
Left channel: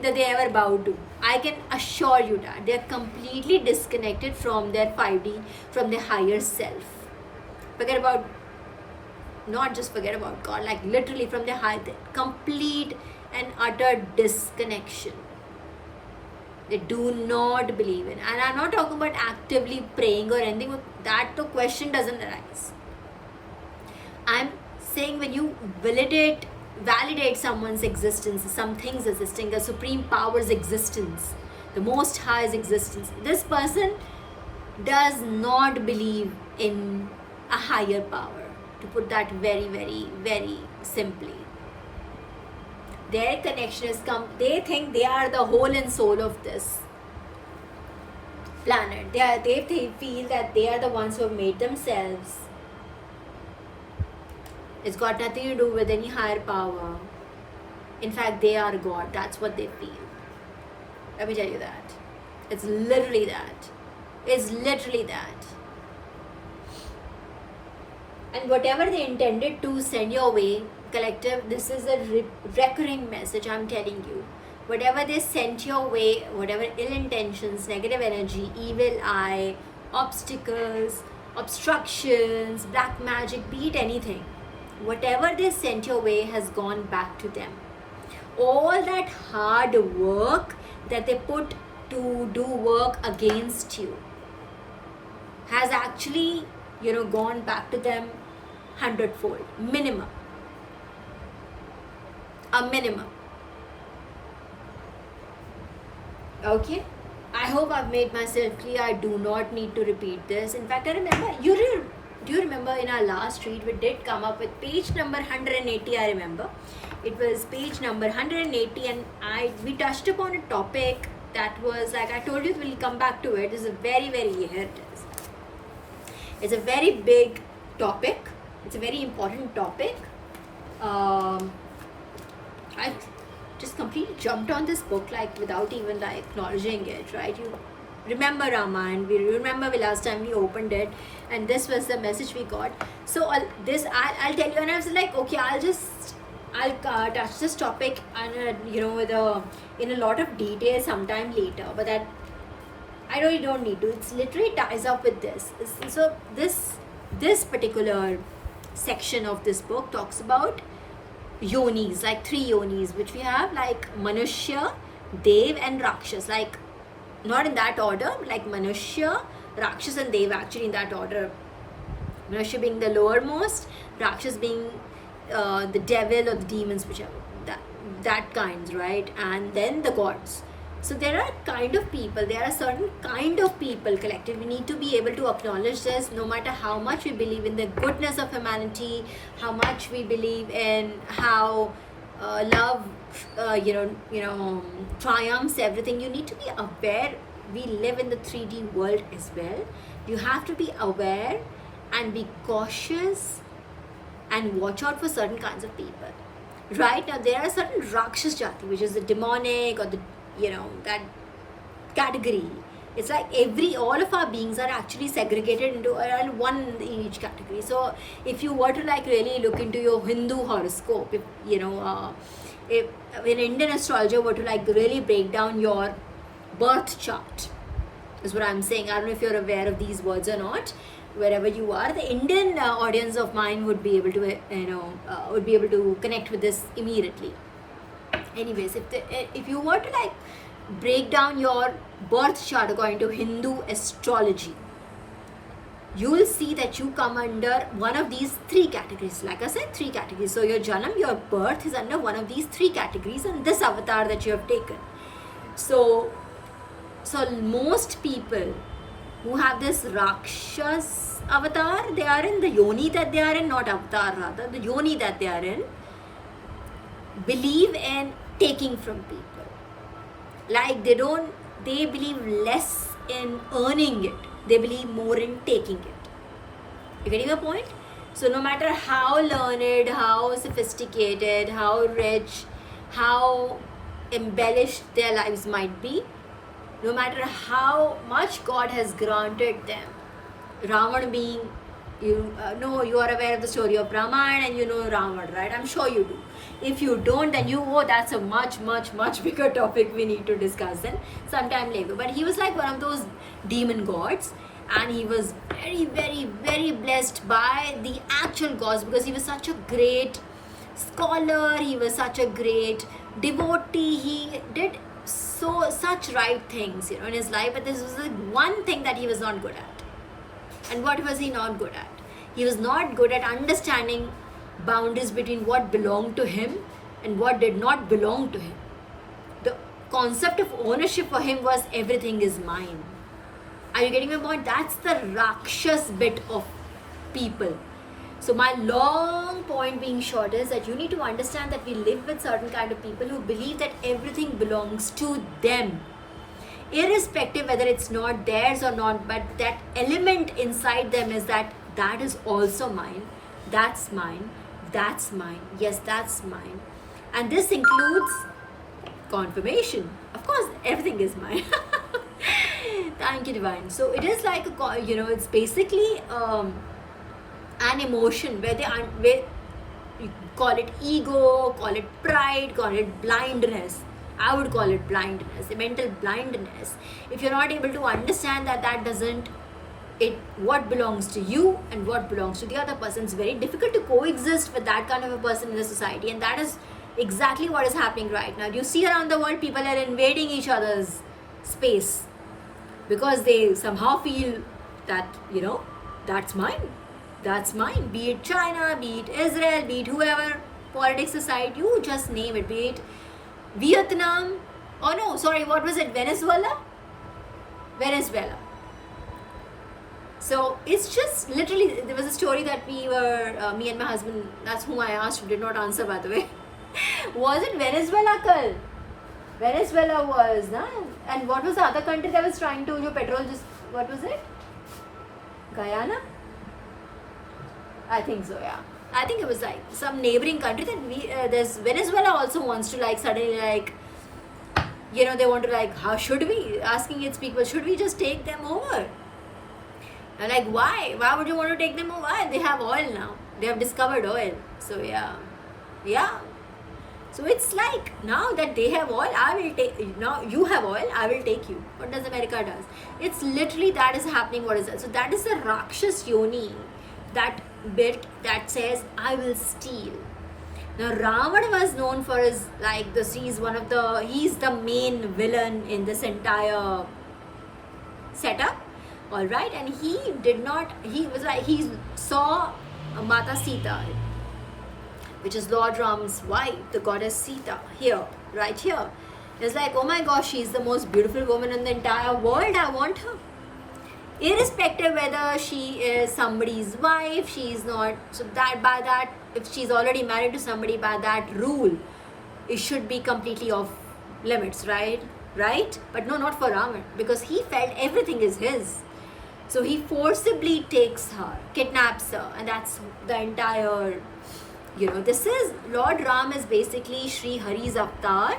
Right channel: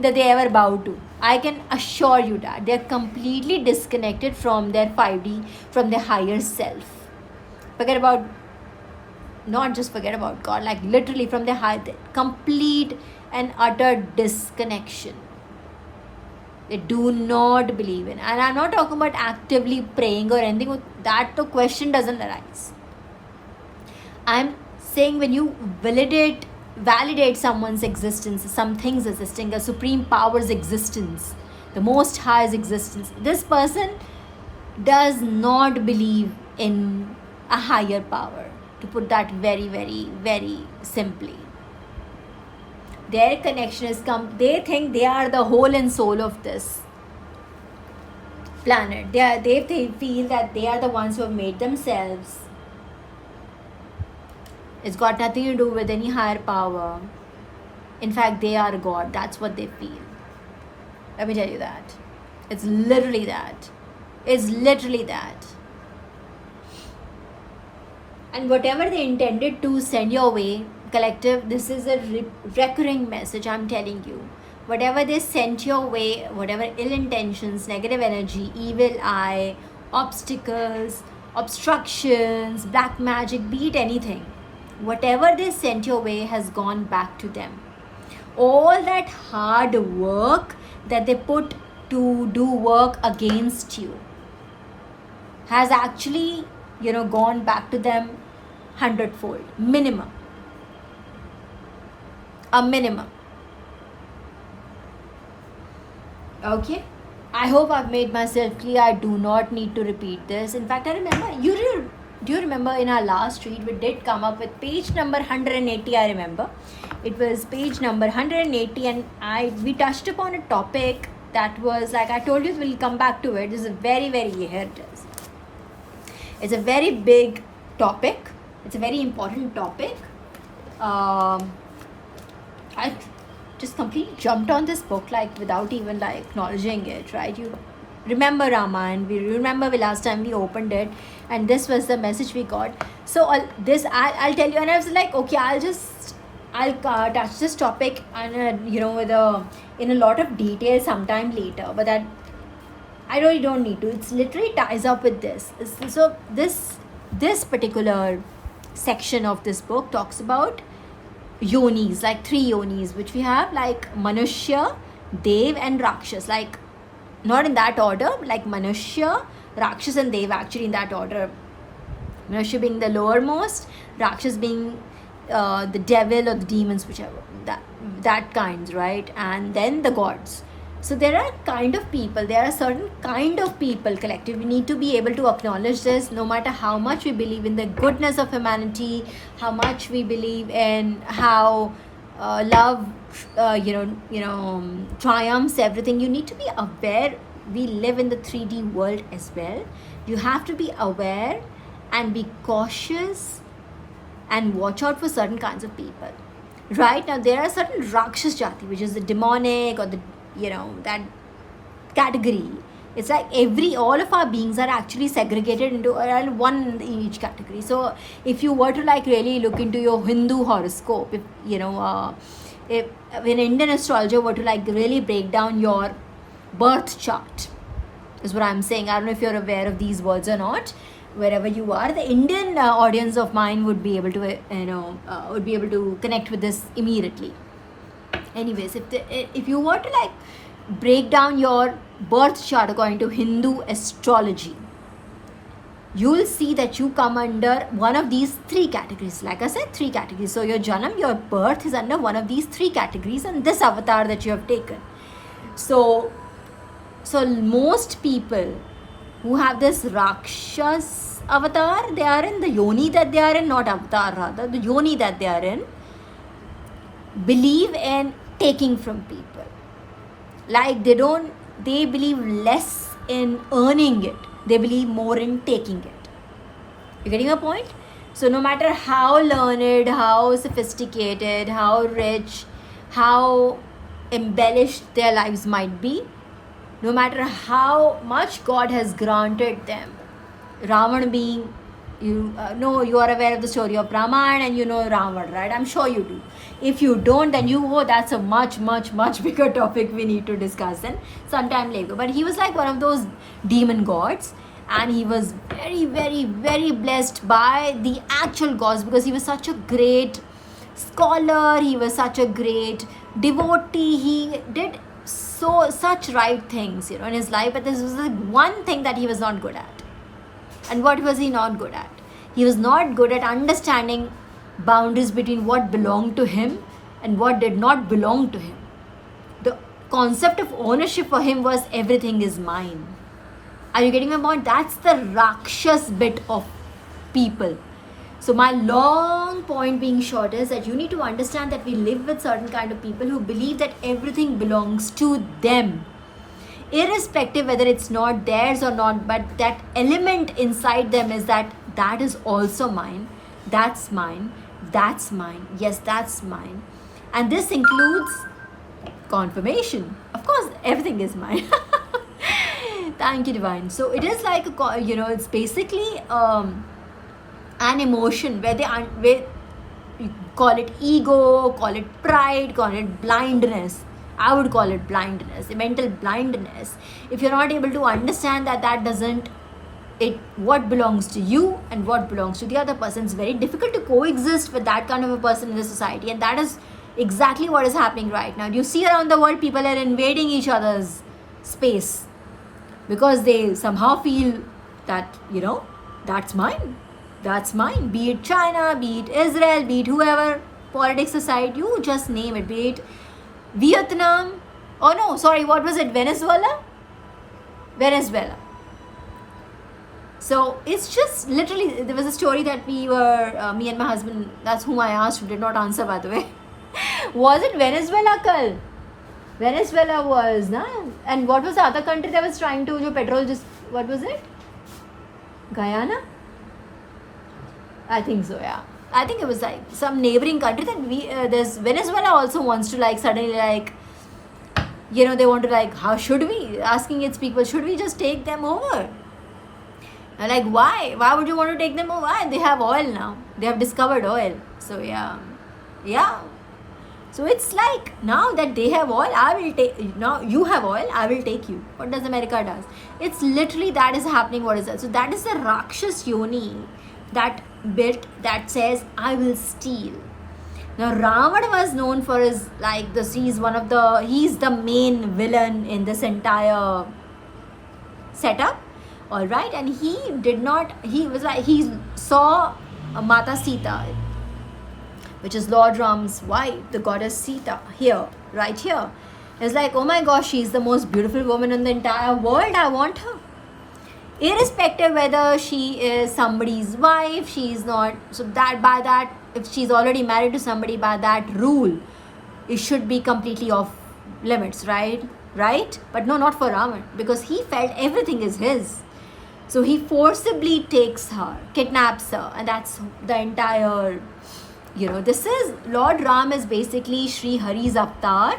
that they ever bow to. I can assure you that they are completely disconnected from their 5D, from their higher self. Forget about, not just forget about God, like literally from their higher, complete and utter disconnection. They do not believe in. And I'm not talking about actively praying or anything. That the question doesn't arise. I'm saying when you validate someone's existence, something's existing, a supreme power's existence, the most high's existence, this person does not believe in a higher power, to put that very, very, very simply. Their connection is they think they are the whole and soul of this planet. They feel that they are the ones who have made themselves. It's got nothing to do with any higher power. In fact, they are God. That's what they feel. Let me tell you that. It's literally that. It's literally that. And whatever they intended to send your way, collective, this is a recurring message I'm telling you. Whatever they sent your way, whatever ill intentions, negative energy, evil eye, obstacles, obstructions, black magic, be it anything, whatever they sent your way has gone back to them. All that hard work that they put to do work against you has actually, gone back to them 100-fold, minimum. A minimum. Okay, I hope I've made myself clear. I do not need to repeat this. In fact, I remember, do you remember in our last read we did come up with page number 180? I remember it was page number 180, and we touched upon a topic that was, like I told you, we'll come back to it. This is very, very, here it is. It's a very big topic. It's a very important topic. I just completely jumped on this book without even acknowledging it, right? You remember Ramayana, we remember the last time we opened it, and this was the message we got. So I'll tell you, and I was like, okay, I'll touch this topic and in a lot of detail sometime later, but that I really don't need to. It's literally ties up with this. So this particular section of this book talks about yonis, like 3 yonis, which we have, like Manushya, Dev, and Rakshas. Like, not in that order, like Manushya, Rakshas, and Dev, actually in that order. Manushya being the lowermost, Rakshas being the devil or the demons, whichever, that kinds, right? And then the gods. So there are certain kind of people, collective. We need to be able to acknowledge this, no matter how much we believe in the goodness of humanity, how much we believe in how love, triumphs everything. You need to be aware. We live in the 3D world as well. You have to be aware and be cautious and watch out for certain kinds of people. Right now, there are certain Rakshas Jati, which is the demonic or the that category. It's like all of our beings are actually segregated into one in each category. So if you were to really look into your Hindu horoscope, if an Indian astrologer were to really break down your birth chart, is what I'm saying. I don't know if you're aware of these words or not. Wherever you are, the Indian audience of mine would be able to connect with this immediately. Anyways, if you were to break down your birth chart according to Hindu astrology, you will see that you come under one of these 3 categories. Like I said, 3 categories. So your janam, your birth is under one of these 3 categories, and this avatar that you have taken. So most people who have this Rakshas avatar, they are in the yoni that they are in, not avatar rather, the yoni that they are in, believe in taking from people. Like they believe less in earning it, they believe more in taking it. You getting a point? So no matter how learned, how sophisticated, how rich, how embellished their lives might be, no matter how much God has granted them, Ravan being, you are aware of the story of Ramayana and you know Ravan, right? I'm sure you do. If you don't, then that's a much, much, much bigger topic we need to discuss then sometime later. But he was like one of those demon gods, and he was very, very, very blessed by the actual gods because he was such a great scholar, he was such a great devotee, he did such right things in his life, but this was the one thing that he was not good at. And what was he not good at? He was not good at understanding boundaries between what belonged to him and what did not belong to him. The concept of ownership for him was everything is mine. Are you getting my point? That's the Rakshas bit of people. So my long point being short is that you need to understand that we live with certain kind of people who believe that everything belongs to them, irrespective whether it's not theirs or not, but that element inside them is that is also mine, that's mine, that's mine, yes, that's mine. And this includes confirmation. Of course, everything is mine. Thank you, Divine. So it is like it's basically an emotion where you call it ego, call it pride, call it blindness. I would call it blindness, mental blindness. If you're not able to understand that doesn't, what belongs to you and what belongs to the other person, it's very difficult to coexist with that kind of a person in the society. And that is exactly what is happening right now. You see around the world, people are invading each other's space because they somehow feel that, that's mine. That's mine. Be it China, be it Israel, be it whoever politics aside, you just name it. Be it Vietnam. Oh no, sorry, what was it? Venezuela? So it's just literally, there was a story that we were, me and my husband, that's whom I asked, who did not answer by the way. Was it Venezuela, Kal? Venezuela was, na? And what was the other country that was trying to, petrol just, what was it? Guyana? I think so, yeah. I think it was like some neighboring country that there's Venezuela also wants to suddenly they want to how should we, asking its people, should we just take them over? And why would you want to take them over? Why? They have oil now, they have discovered oil. So yeah. So it's now that they have oil, I will take, now you have oil, I will take you. What does America does? It's literally that is happening. What is that? So that is the Rakshas Yoni, that bit that says I will steal. Now Ravana was known for his he's the main villain in this entire setup. Alright, and he saw Mata Sita, which is Lord Ram's wife, the goddess Sita, right here. It's oh my gosh, she's the most beautiful woman in the entire world, I want her. Irrespective whether she is somebody's wife, she is not, so that if she's already married to somebody, by that rule, it should be completely off limits, right? But no, not for Ravan, because he felt everything is his. So he forcibly takes her, kidnaps her, and that's the entire, this is, Lord Ram is basically Sri Hari's avatar,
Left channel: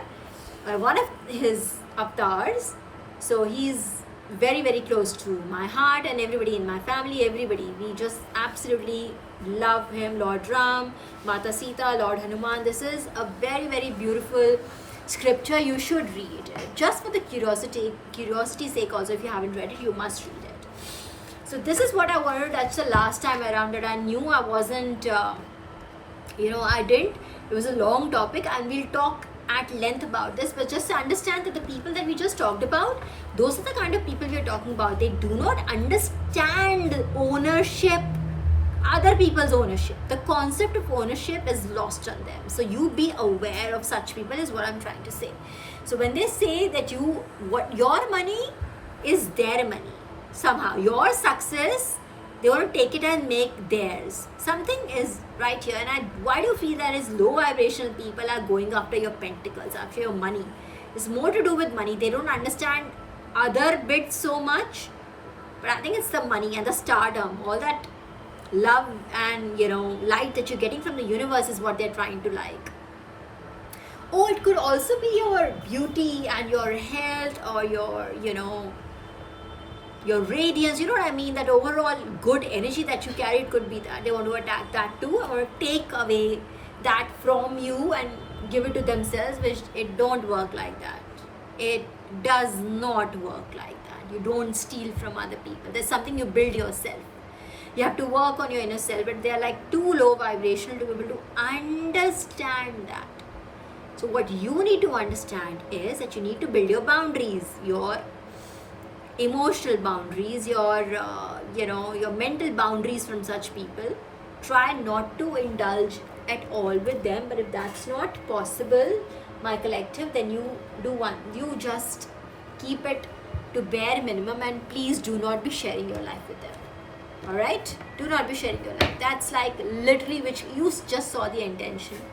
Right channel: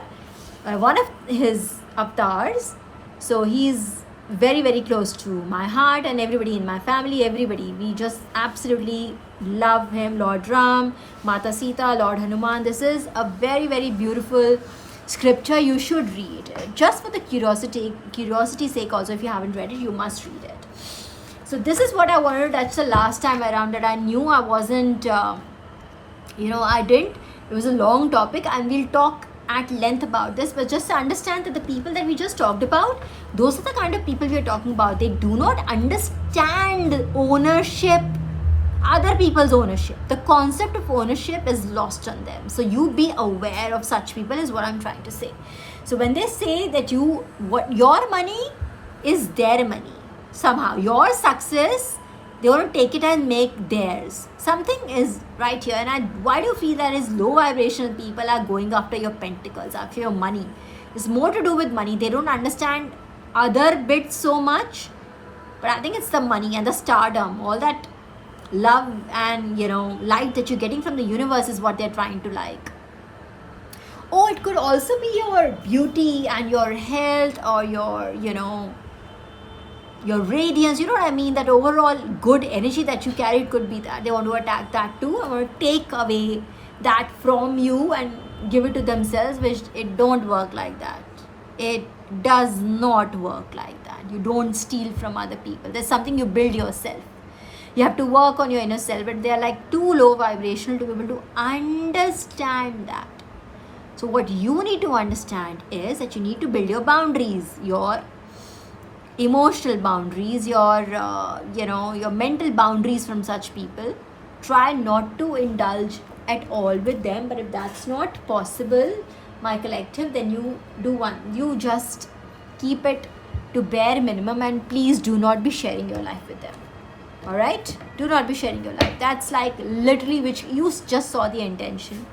one of his avatars. So he's very, very close to my heart and everybody in my family, everybody. We just absolutely love him. Lord Ram, Mata Sita, Lord Hanuman. This is a very, very beautiful scripture. You should read. Just for the curiosity's sake also, if you haven't read it, you must read it. So this is what I wanted. That's the last time around that I knew I wasn't, I didn't. It was a long topic and we'll talk at length about this, but just to understand that the people that we just talked about, those are the kind of people we are talking about. They do not understand ownership, other people's ownership. The concept of ownership is lost on them. So you be aware of such people is what I'm trying to say. So when they say that your money is their money, somehow your success, they want to take it and make theirs. Something is right here. And why do you feel that is low vibrational people are going after your pentacles, after your money? It's more to do with money. They don't understand other bits so much. But I think it's the money and the stardom, all that love and light that you're getting from the universe is what they're trying to like. Or it could also be your beauty and your health, or your radiance, you know what I mean, that overall good energy that you carry. It could be that they want to attack that too, or take away that from you and give it to themselves, which it don't work like that. It does not work like that. You don't steal from other people. There's something you build yourself. You have to work on your inner self, but they are like too low vibrational to be able to understand that. So what you need to understand is that you need to build your boundaries, your emotional boundaries, your mental boundaries from such people. Try not to indulge at all with them, but if that's not possible, my collective, then you just keep it to bare minimum, and please do not be sharing your life with them. All right, do not be sharing your life. That's like literally, which you just saw the intention.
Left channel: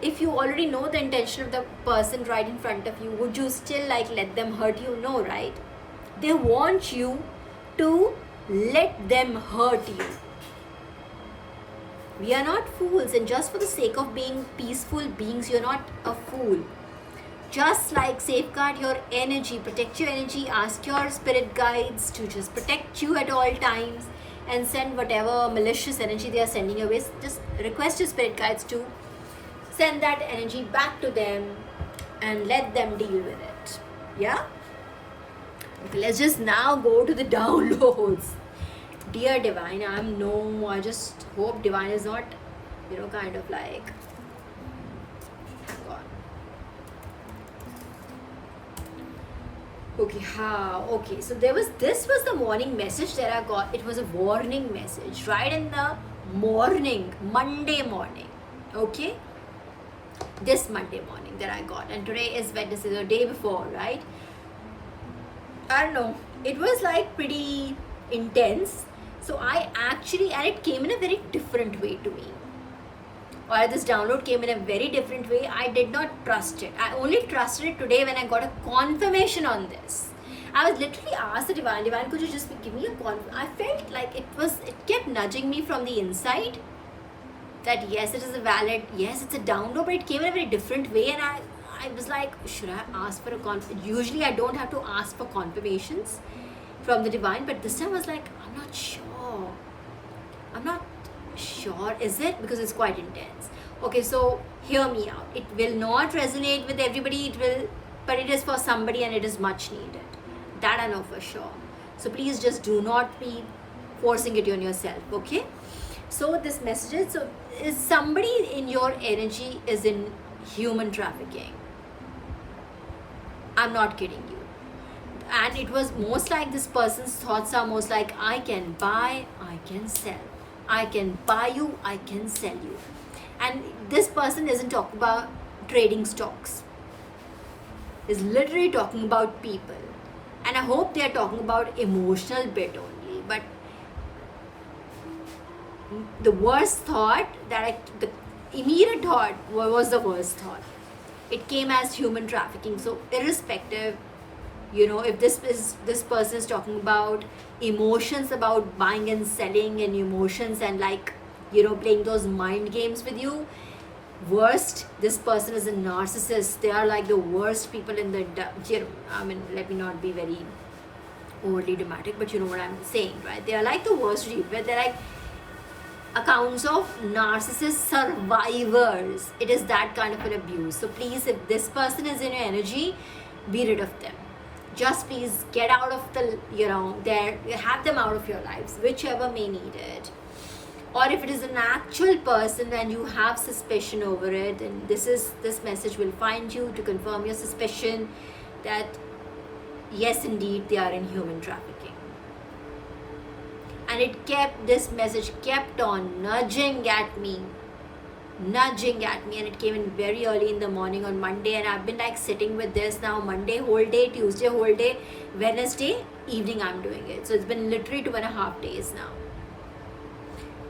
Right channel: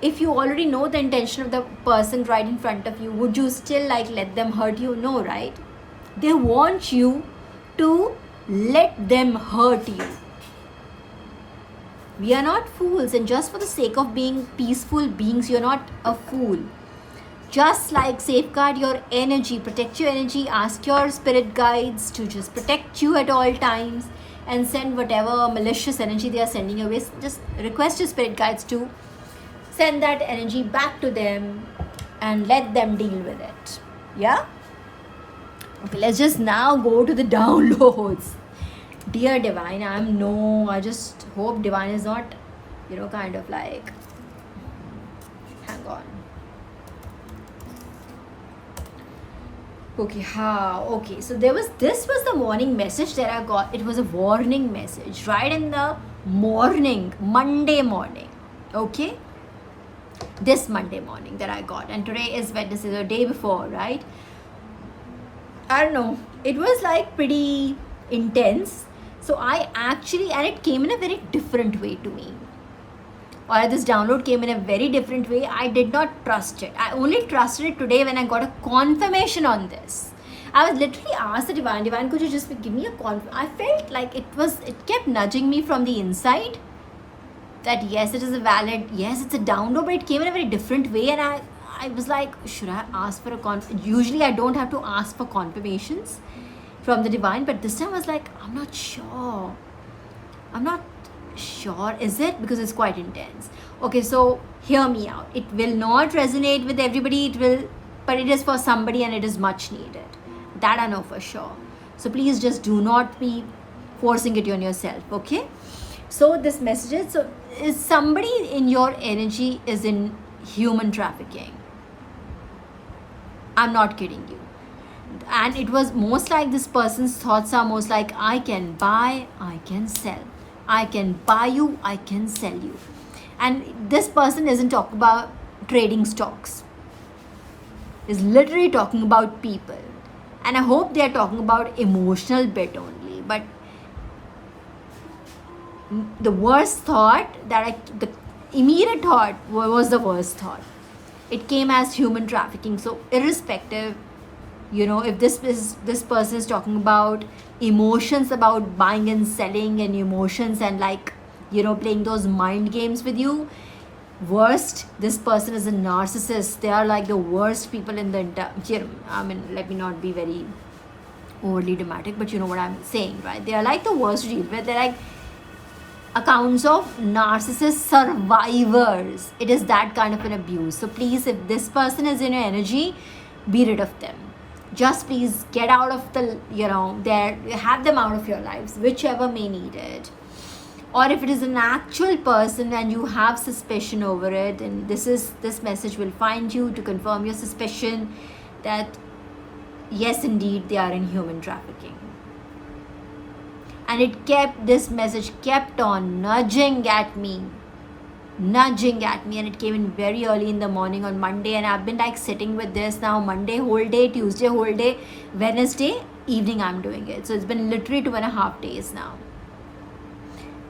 If you already know the intention of the person right in front of you, would you still like let them hurt you? No, right? They want you to let them hurt you. We are not fools, and just for the sake of being peaceful beings, you're not a fool. Just like safeguard your energy, protect your energy, ask your spirit guides to just protect you at all times, and send whatever malicious energy they are sending away. Just request your spirit guides to send that energy back to them and let them deal with it. Yeah? Okay, let's just now go to the downloads. Dear Divine, I just hope Divine is not, kind of like, hang on. Okay, so this was the morning message that I got. It was a warning message right in the morning, Monday morning. Okay? This Monday morning that I got, and today is Wednesday, the day before, right? I don't know, it was like pretty intense. So and it came in a very different way to me, or this download came in a very different way. I did not trust it. I only trusted it today when I got a confirmation on this. I was literally asked the Divine, could you just give me a I felt like it kept nudging me from the inside that yes, it is yes, it's a download, but it came in a very different way, and I was like, should I ask for a usually I don't have to ask for confirmations from the Divine, but this time I was like, I'm not sure, is it? Because it's quite intense. Okay, so hear me out. It will not resonate with everybody, but it is for somebody, and it is much needed. That I know for sure. So please just do not be forcing it on yourself, okay? So this message is somebody in your energy is in human trafficking. I'm not kidding you. And it was most like this person's thoughts are most like, I can buy, I can sell. I can buy you, I can sell you. And this person isn't talking about trading stocks. Is literally talking about people. And I hope they are talking about emotional bit only. But the worst thought the immediate thought was the worst thought. It came as human trafficking. So irrespective, if this person is talking about emotions, about buying and selling, and emotions, and like playing those mind games with you, worst, this person is a narcissist. They are like the worst people in the I mean, let me not be very overly dramatic, but you know what I'm saying, right? They are like the worst people. They're like accounts of narcissist survivors. It is that kind of an abuse. So please, if this person is in your energy, be rid of them. Just please get out of have them out of your lives, whichever may need it. Or if it is an actual person and you have suspicion over it, and this message will find you to confirm your suspicion that yes, indeed, they are in human trafficking. And this message kept on nudging at me, and it came in very early in the morning on Monday, and I've been like sitting with this now Monday whole day, Tuesday whole day, Wednesday evening I'm doing it. So it's been literally 2.5 days now.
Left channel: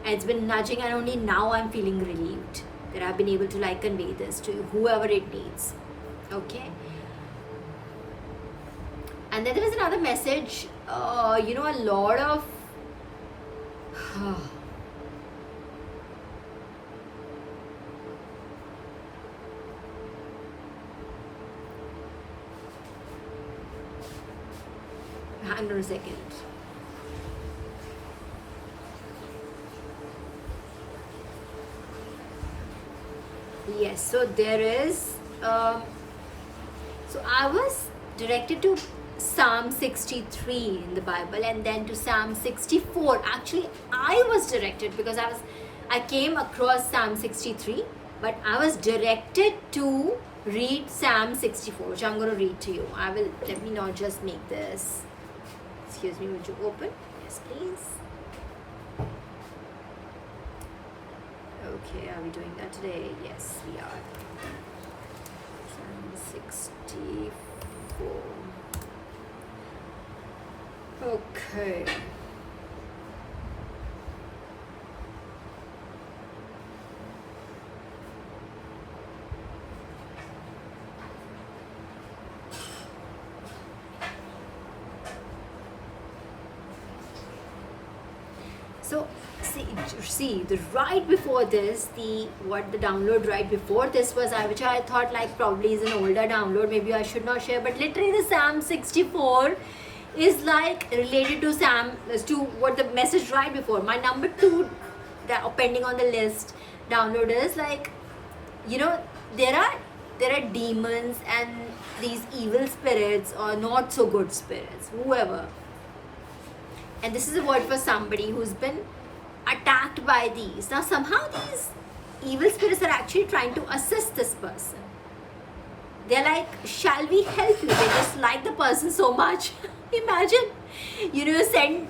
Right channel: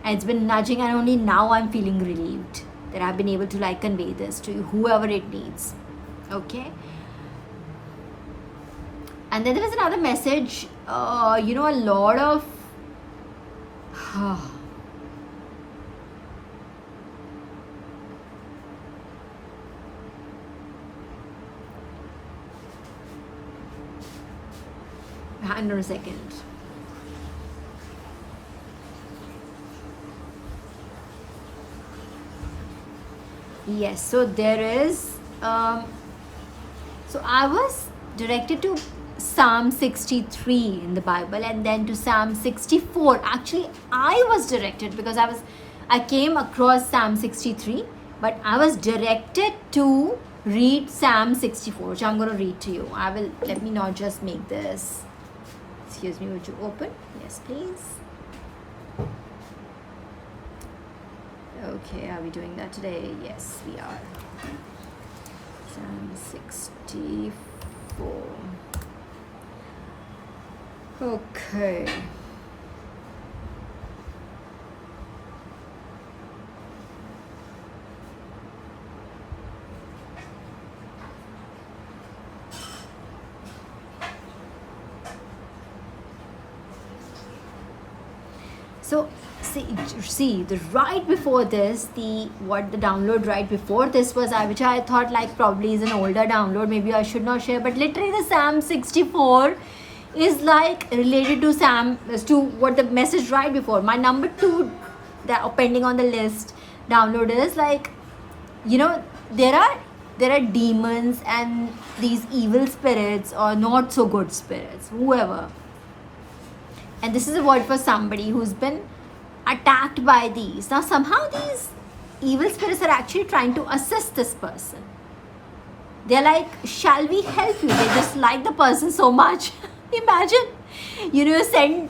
And it's been nudging, and only now I'm feeling relieved that I've been able to like convey this to whoever it needs. Okay. And then there was another message, a lot of Hang on a second. Yes, so there is so I was directed to Psalm 63 in the Bible, and then to Psalm 64. Actually, I was directed because I came across Psalm 63, but I was directed to read Psalm 64, which I'm going to read to you. Let me not just make this. Excuse me, would you open? Yes, please. Okay, are we doing that today? Yes, we are. Psalm 64. Okay. So see the right before this, the download right before this was which I thought like probably is an older download, maybe I should not share, but literally the Psalm 64 is like related to what the message right before. My number 2 that pending on the list download is like, there are demons and these evil spirits or not so good spirits, whoever. And this is a word for somebody who's been attacked by these. Now, somehow these evil spirits are actually trying to assist this person. They're like, shall we help you? They just like the person so much. Imagine, you send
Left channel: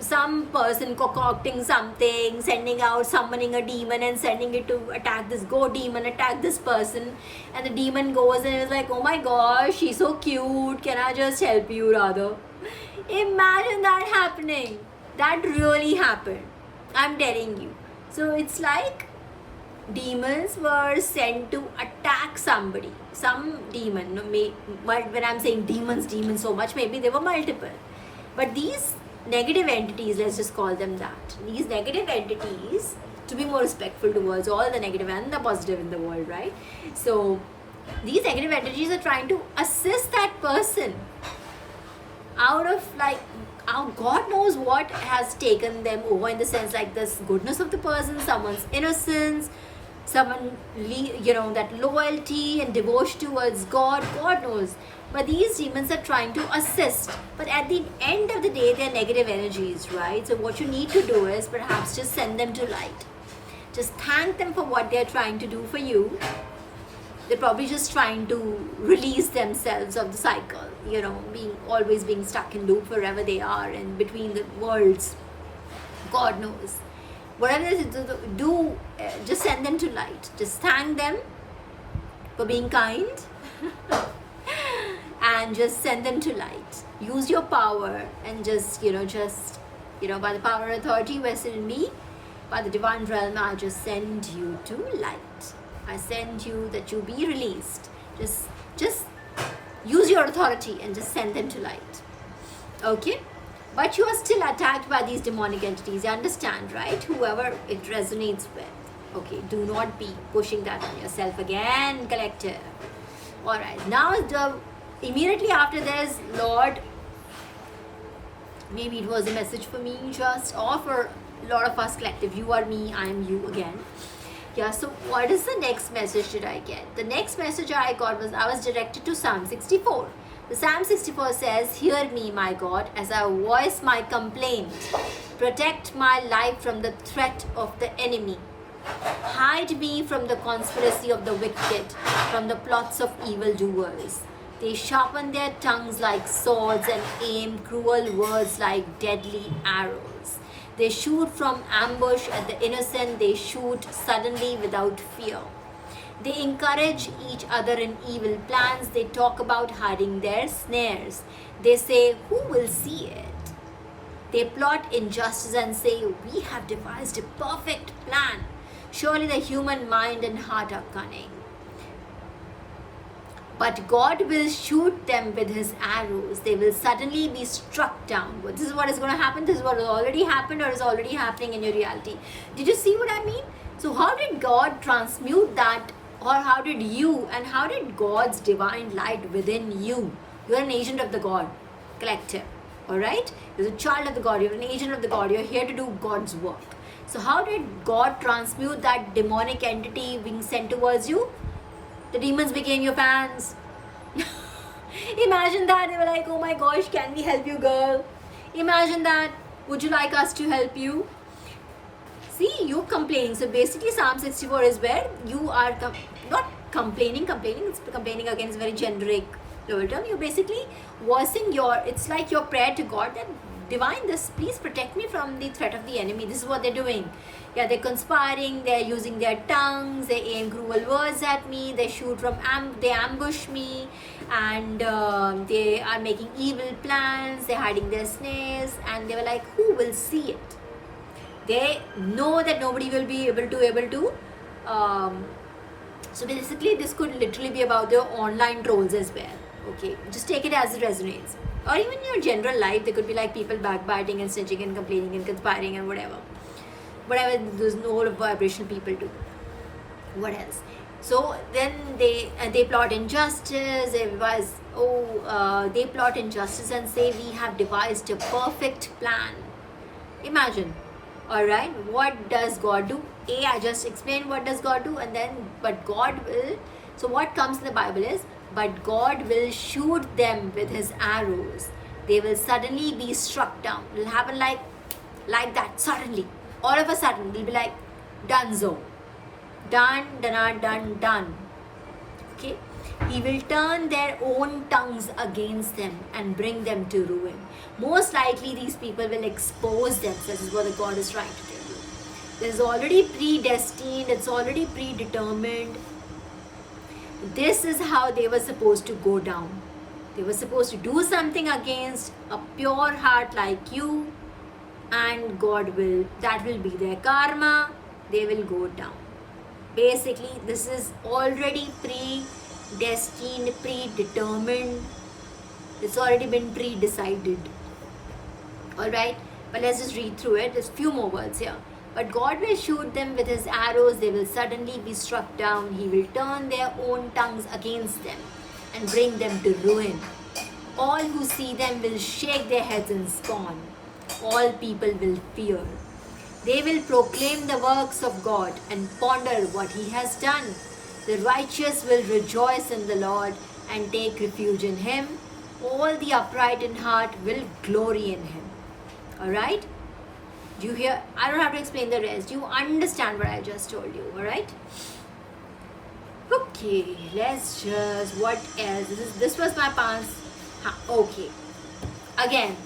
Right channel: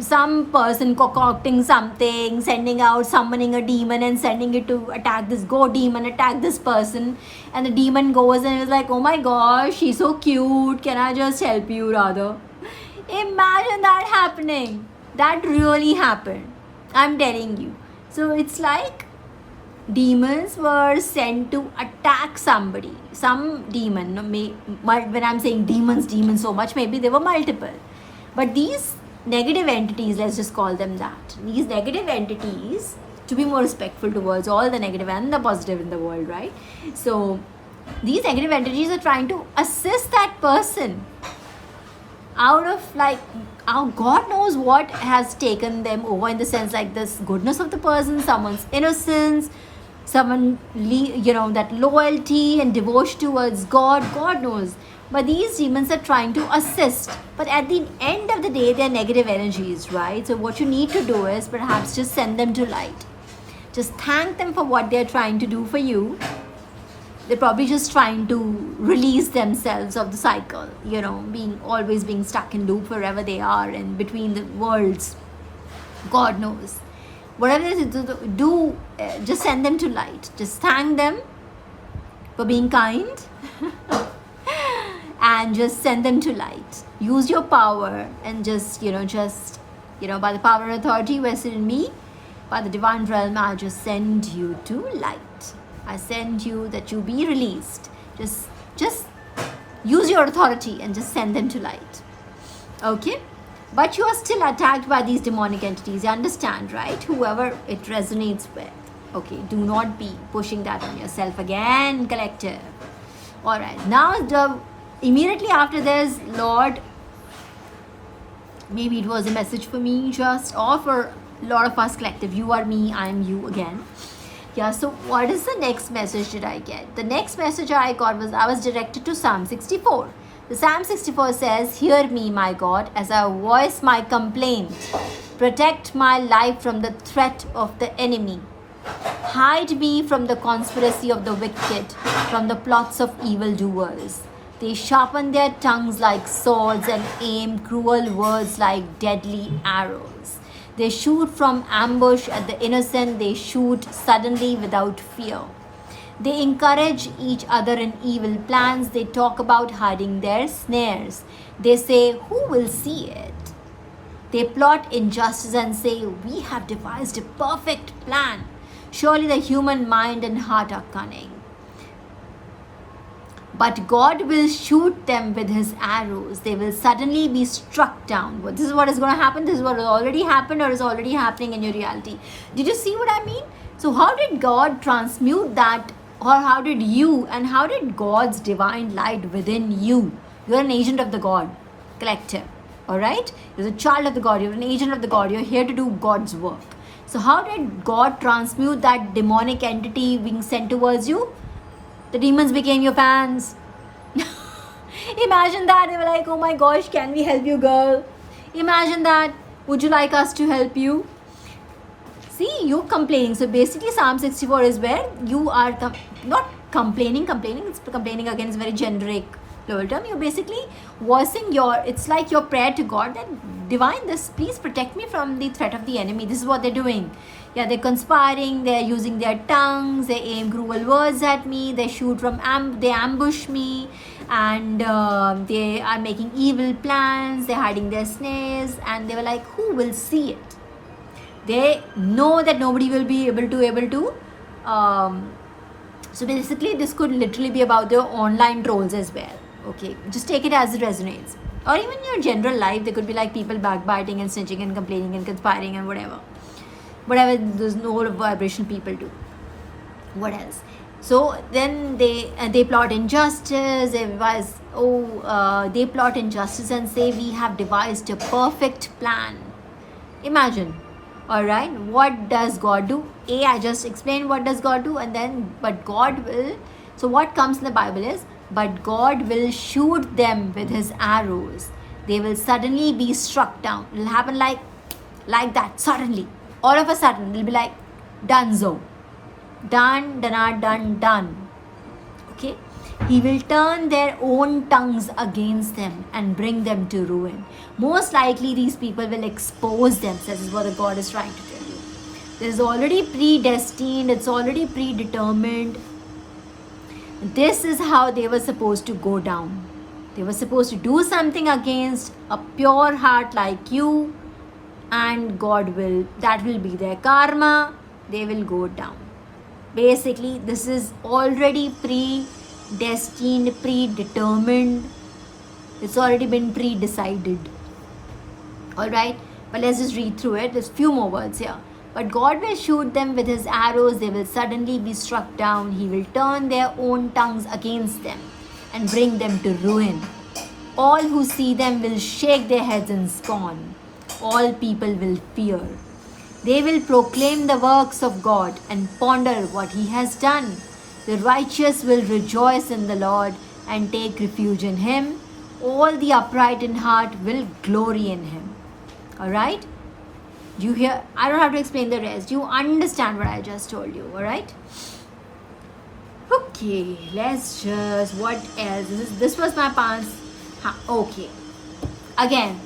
some person concocting something, summoning a demon and sending it to attack this, go demon, attack this person. And the demon goes and is like, oh my gosh, she's so cute. Can I just help you rather? Imagine that happening. That really happened. I'm telling you. So it's like demons were sent to attack somebody. Some demon. When I'm saying demons so much, maybe they were multiple. But these negative entities, let's just call them that. These negative entities, to be more respectful towards all the negative and the positive in the world, right? So these negative entities are trying to assist that person out of like, God knows what has taken them over, in the sense like this goodness of the person, someone's innocence, someone that loyalty and devotion towards God knows. But these demons are trying to assist, but at the end of the day they're negative energies, right? So what you need to do is perhaps just send them to light. Just thank them for what they're trying to do for you. They're probably just trying to release themselves of the cycle, always being stuck in loop wherever they are and between the worlds. God knows. Whatever they do, just send them to light. Just thank them for being kind and just send them to light. Use your power and just, by the power and authority vested in me, by the divine realm, I just send you to light. I send you that you be released. Just use your authority and just send them to light. Okay? But you are still attacked by these demonic entities. You understand, right? Whoever it resonates with. Okay, do not be pushing that on yourself again, collective. Alright, now immediately after this, Lord, maybe it was a message for me or for a lot of us collective. You are me, I am you again. Yeah, so what is the next message did I get? The next message I got was I was directed to Psalm 64. The Psalm 64 says, hear me, my God, as I voice my complaint. Protect my life from the threat of the enemy. Hide me from the conspiracy of the wicked, from the plots of evildoers. They sharpen their tongues like swords and aim cruel words like deadly arrows. They shoot from ambush at the innocent. They shoot suddenly without fear. They encourage each other in evil plans. They talk about hiding their snares. They say, who will see it? They plot injustice and say, we have devised a perfect plan. Surely the human mind and heart are cunning. But God will shoot them with his arrows. They will suddenly be struck down. But this is what is going to happen. This is what has already happened or is already happening in your reality. Did you see what I mean? So how did God transmute that, or how did you, and how did God's divine light within you? You're an agent of the God collective. Alright? You're a child of the God. You're an agent of the God. You're here to do God's work. So how did God transmute that demonic entity being sent towards you? The demons became your fans. Imagine that. They were like, oh my gosh, can we help you, girl? Imagine that. Would you like us to help you? See, you complaining. So basically, Psalm 64 is where you are not complaining. It's complaining again. It's very generic level term. You're basically voicing it's like your prayer to God that divine, please protect me from the threat of the enemy. This is what they're doing. Yeah, they're conspiring, they're using their tongues, they aim cruel words at me, they shoot from they ambush me, and they are making evil plans, they're hiding their snares, and they were like, who will see it? They know that nobody will be able to so basically this could literally be about their online trolls as well. Okay, just take it as it resonates. Or even in your general life, there could be like people backbiting and snitching and complaining and conspiring and whatever those low vibration people do. What else? So then they plot injustice. They plot injustice and say we have devised a perfect plan. Imagine. All right, what does God do? I just explained what does God do, and then but God will. So what comes in the Bible is, but God will shoot them with his arrows. They will suddenly be struck down. It will happen like that suddenly. All of a sudden, they'll be like, donezo. Done. Okay? He will turn their own tongues against them and bring them to ruin. Most likely, these people will expose themselves. This is what the God is trying to tell you. This is already predestined. It's already predetermined. This is how they were supposed to go down. They were supposed to do something against a pure heart like you, and that will be their karma. They will go down. Basically, this is already predestined, predetermined. It's already been pre-decided. Alright, but let's just read through it. There's few more words here. But God will shoot them with his arrows. They will suddenly be struck down. He will turn their own tongues against them and bring them to ruin. All who see them will shake their heads in scorn. All people will fear. They will proclaim the works of God and ponder what he has done. The righteous will rejoice in the Lord and take refuge in him. All the upright in heart will glory in him. Alright? You hear? I don't have to explain the rest. You understand what I just told you. Alright? Okay, let's just, what else? This was my pants. Okay. Again,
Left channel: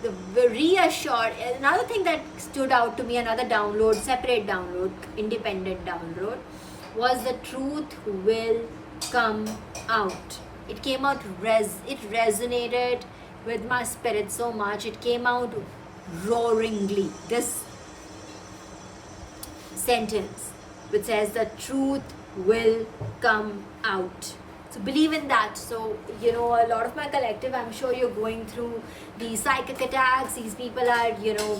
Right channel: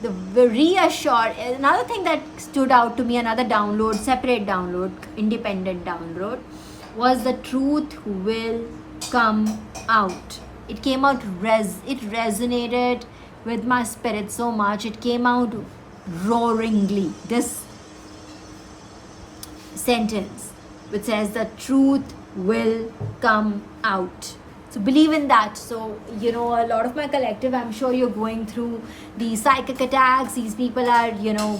the reassured, another thing that stood out to me, another download, separate download, independent download, was the truth will come out. It came out, it resonated with my spirit so much. It came out roaringly. This sentence which says the truth will come out. So believe in that. So, a lot of my collective, I'm sure you're going through these psychic attacks. These people are,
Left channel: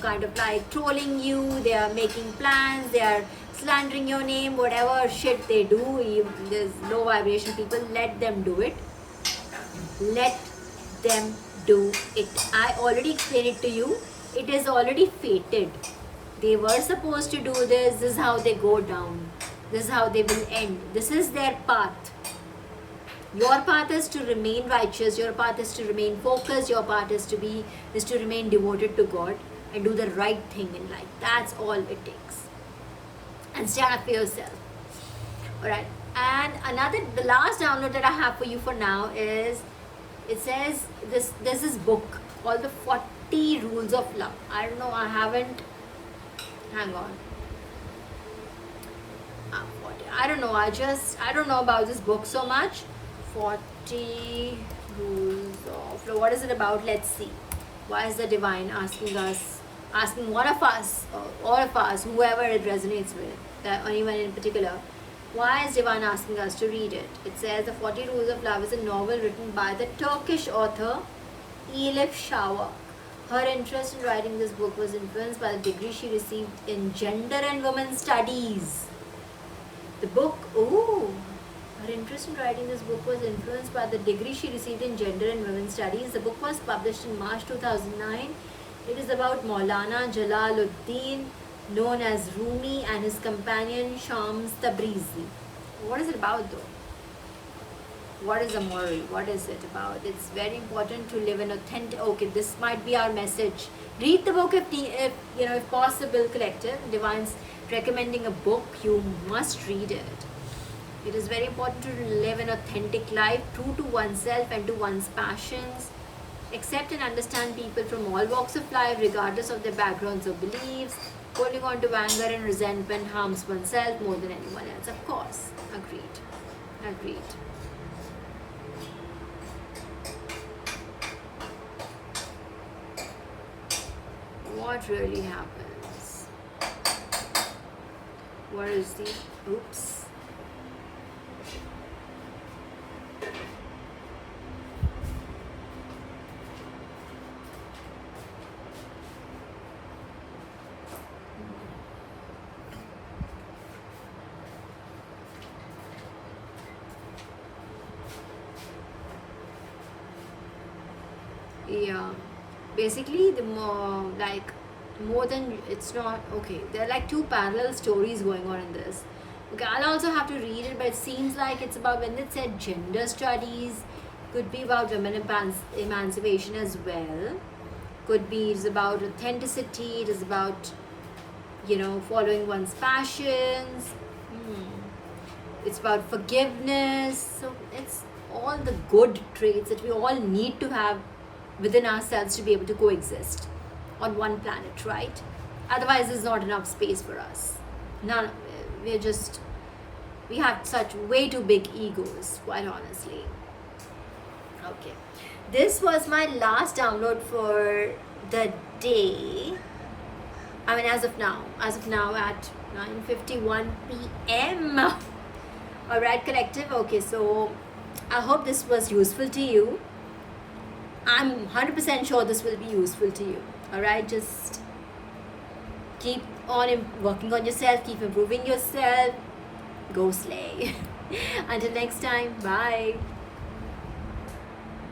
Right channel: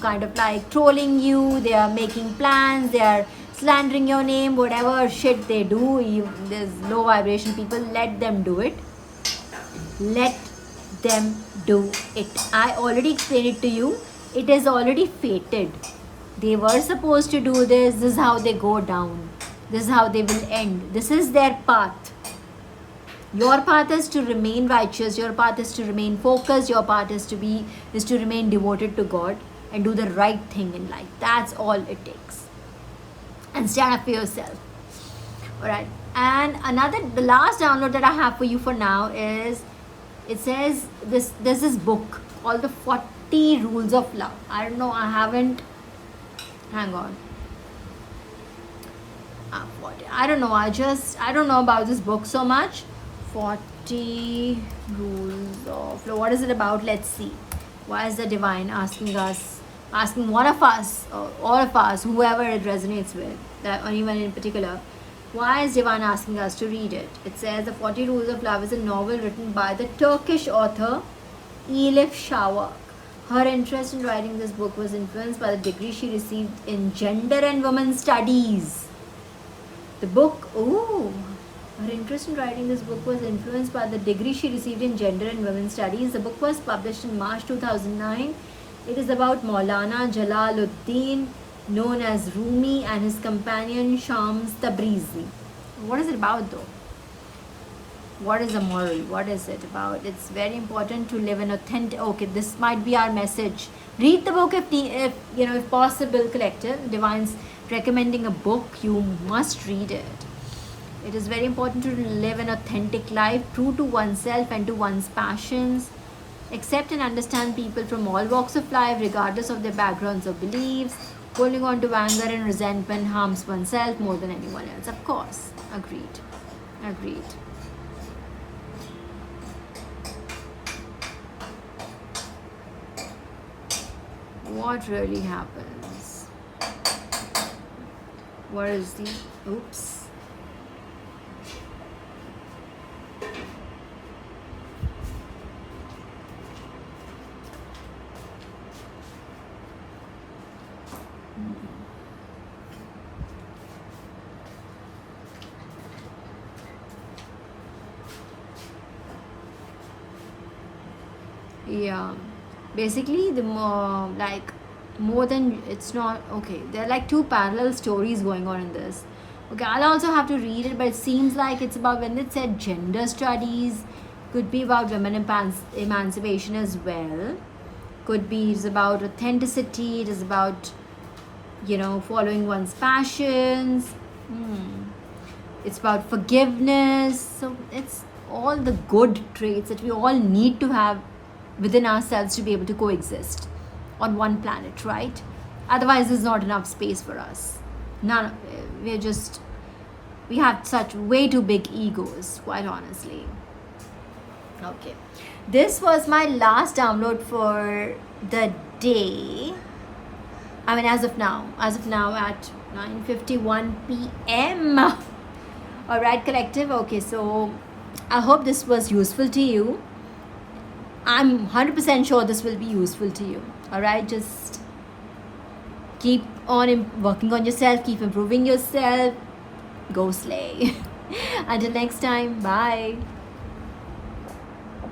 kind of like trolling you. They are making plans. They are slandering your name, whatever shit they do. There's low vibration people. Let them do it. Let them do it. I already explained it to you. It is already fated. They were supposed to do this. This is how they go down. This is how they will end. This is their path. Your path is to remain righteous. Your path is to remain focused. Your path is to remain devoted to God and do the right thing in life. That's all it takes. And stand up for yourself. Alright. And the last download that I have for you for now is, it says there's this book called the 40 Rules of Love. I don't know, hang on. I don't know, I don't know about this book so much. 40 Rules of Love. What is it about? Let's see. Why is the divine asking one of us, or all of us, whoever it resonates with, that anyone in particular, Why is Divan asking us to read it? It says The 40 Rules of Love is a novel written by the Turkish author Elif Shafak. Her interest in writing this book was influenced by the degree she received in Gender and Women Studies. The book, her interest in writing this book was influenced by the degree she received in Gender and Women Studies. The book was published in March 2009. It is about Maulana Jalaluddin, known as Rumi, and his companion Shams Tabrizi. What is it about though? What is the moral? What is it about? It's very important to live an authentic. Okay, this might be our message. Read the book if possible. Collective Divine's recommending a book. You must read it. It is very important to live an authentic life, true to oneself and to one's passions. Accept and understand people from all walks of life, regardless of their backgrounds or beliefs. Holding on to anger and resentment harms oneself more than anyone else. Of course. Agreed. What really happens? What is the... Oops. Yeah, basically the more than it's not okay. There are like two parallel stories going on in this. Okay, I'll also have to read it, but it seems like it's about when they said gender studies, could be about women emancipation as well. Could be it's about authenticity. It is about following one's passions. It's about forgiveness. So it's all the good traits that we all need to have within ourselves to be able to coexist on one planet, right? Otherwise there's not enough space for us. We have such way too big egos, quite honestly. Okay, this was my last download for the day. I mean, as of now at 9:51 p.m. All right, collective. Okay, so I hope this was useful to you. I'm 100% sure this will be useful to you. Alright, just keep on working on yourself, keep improving yourself. Go slay. Until next time, bye.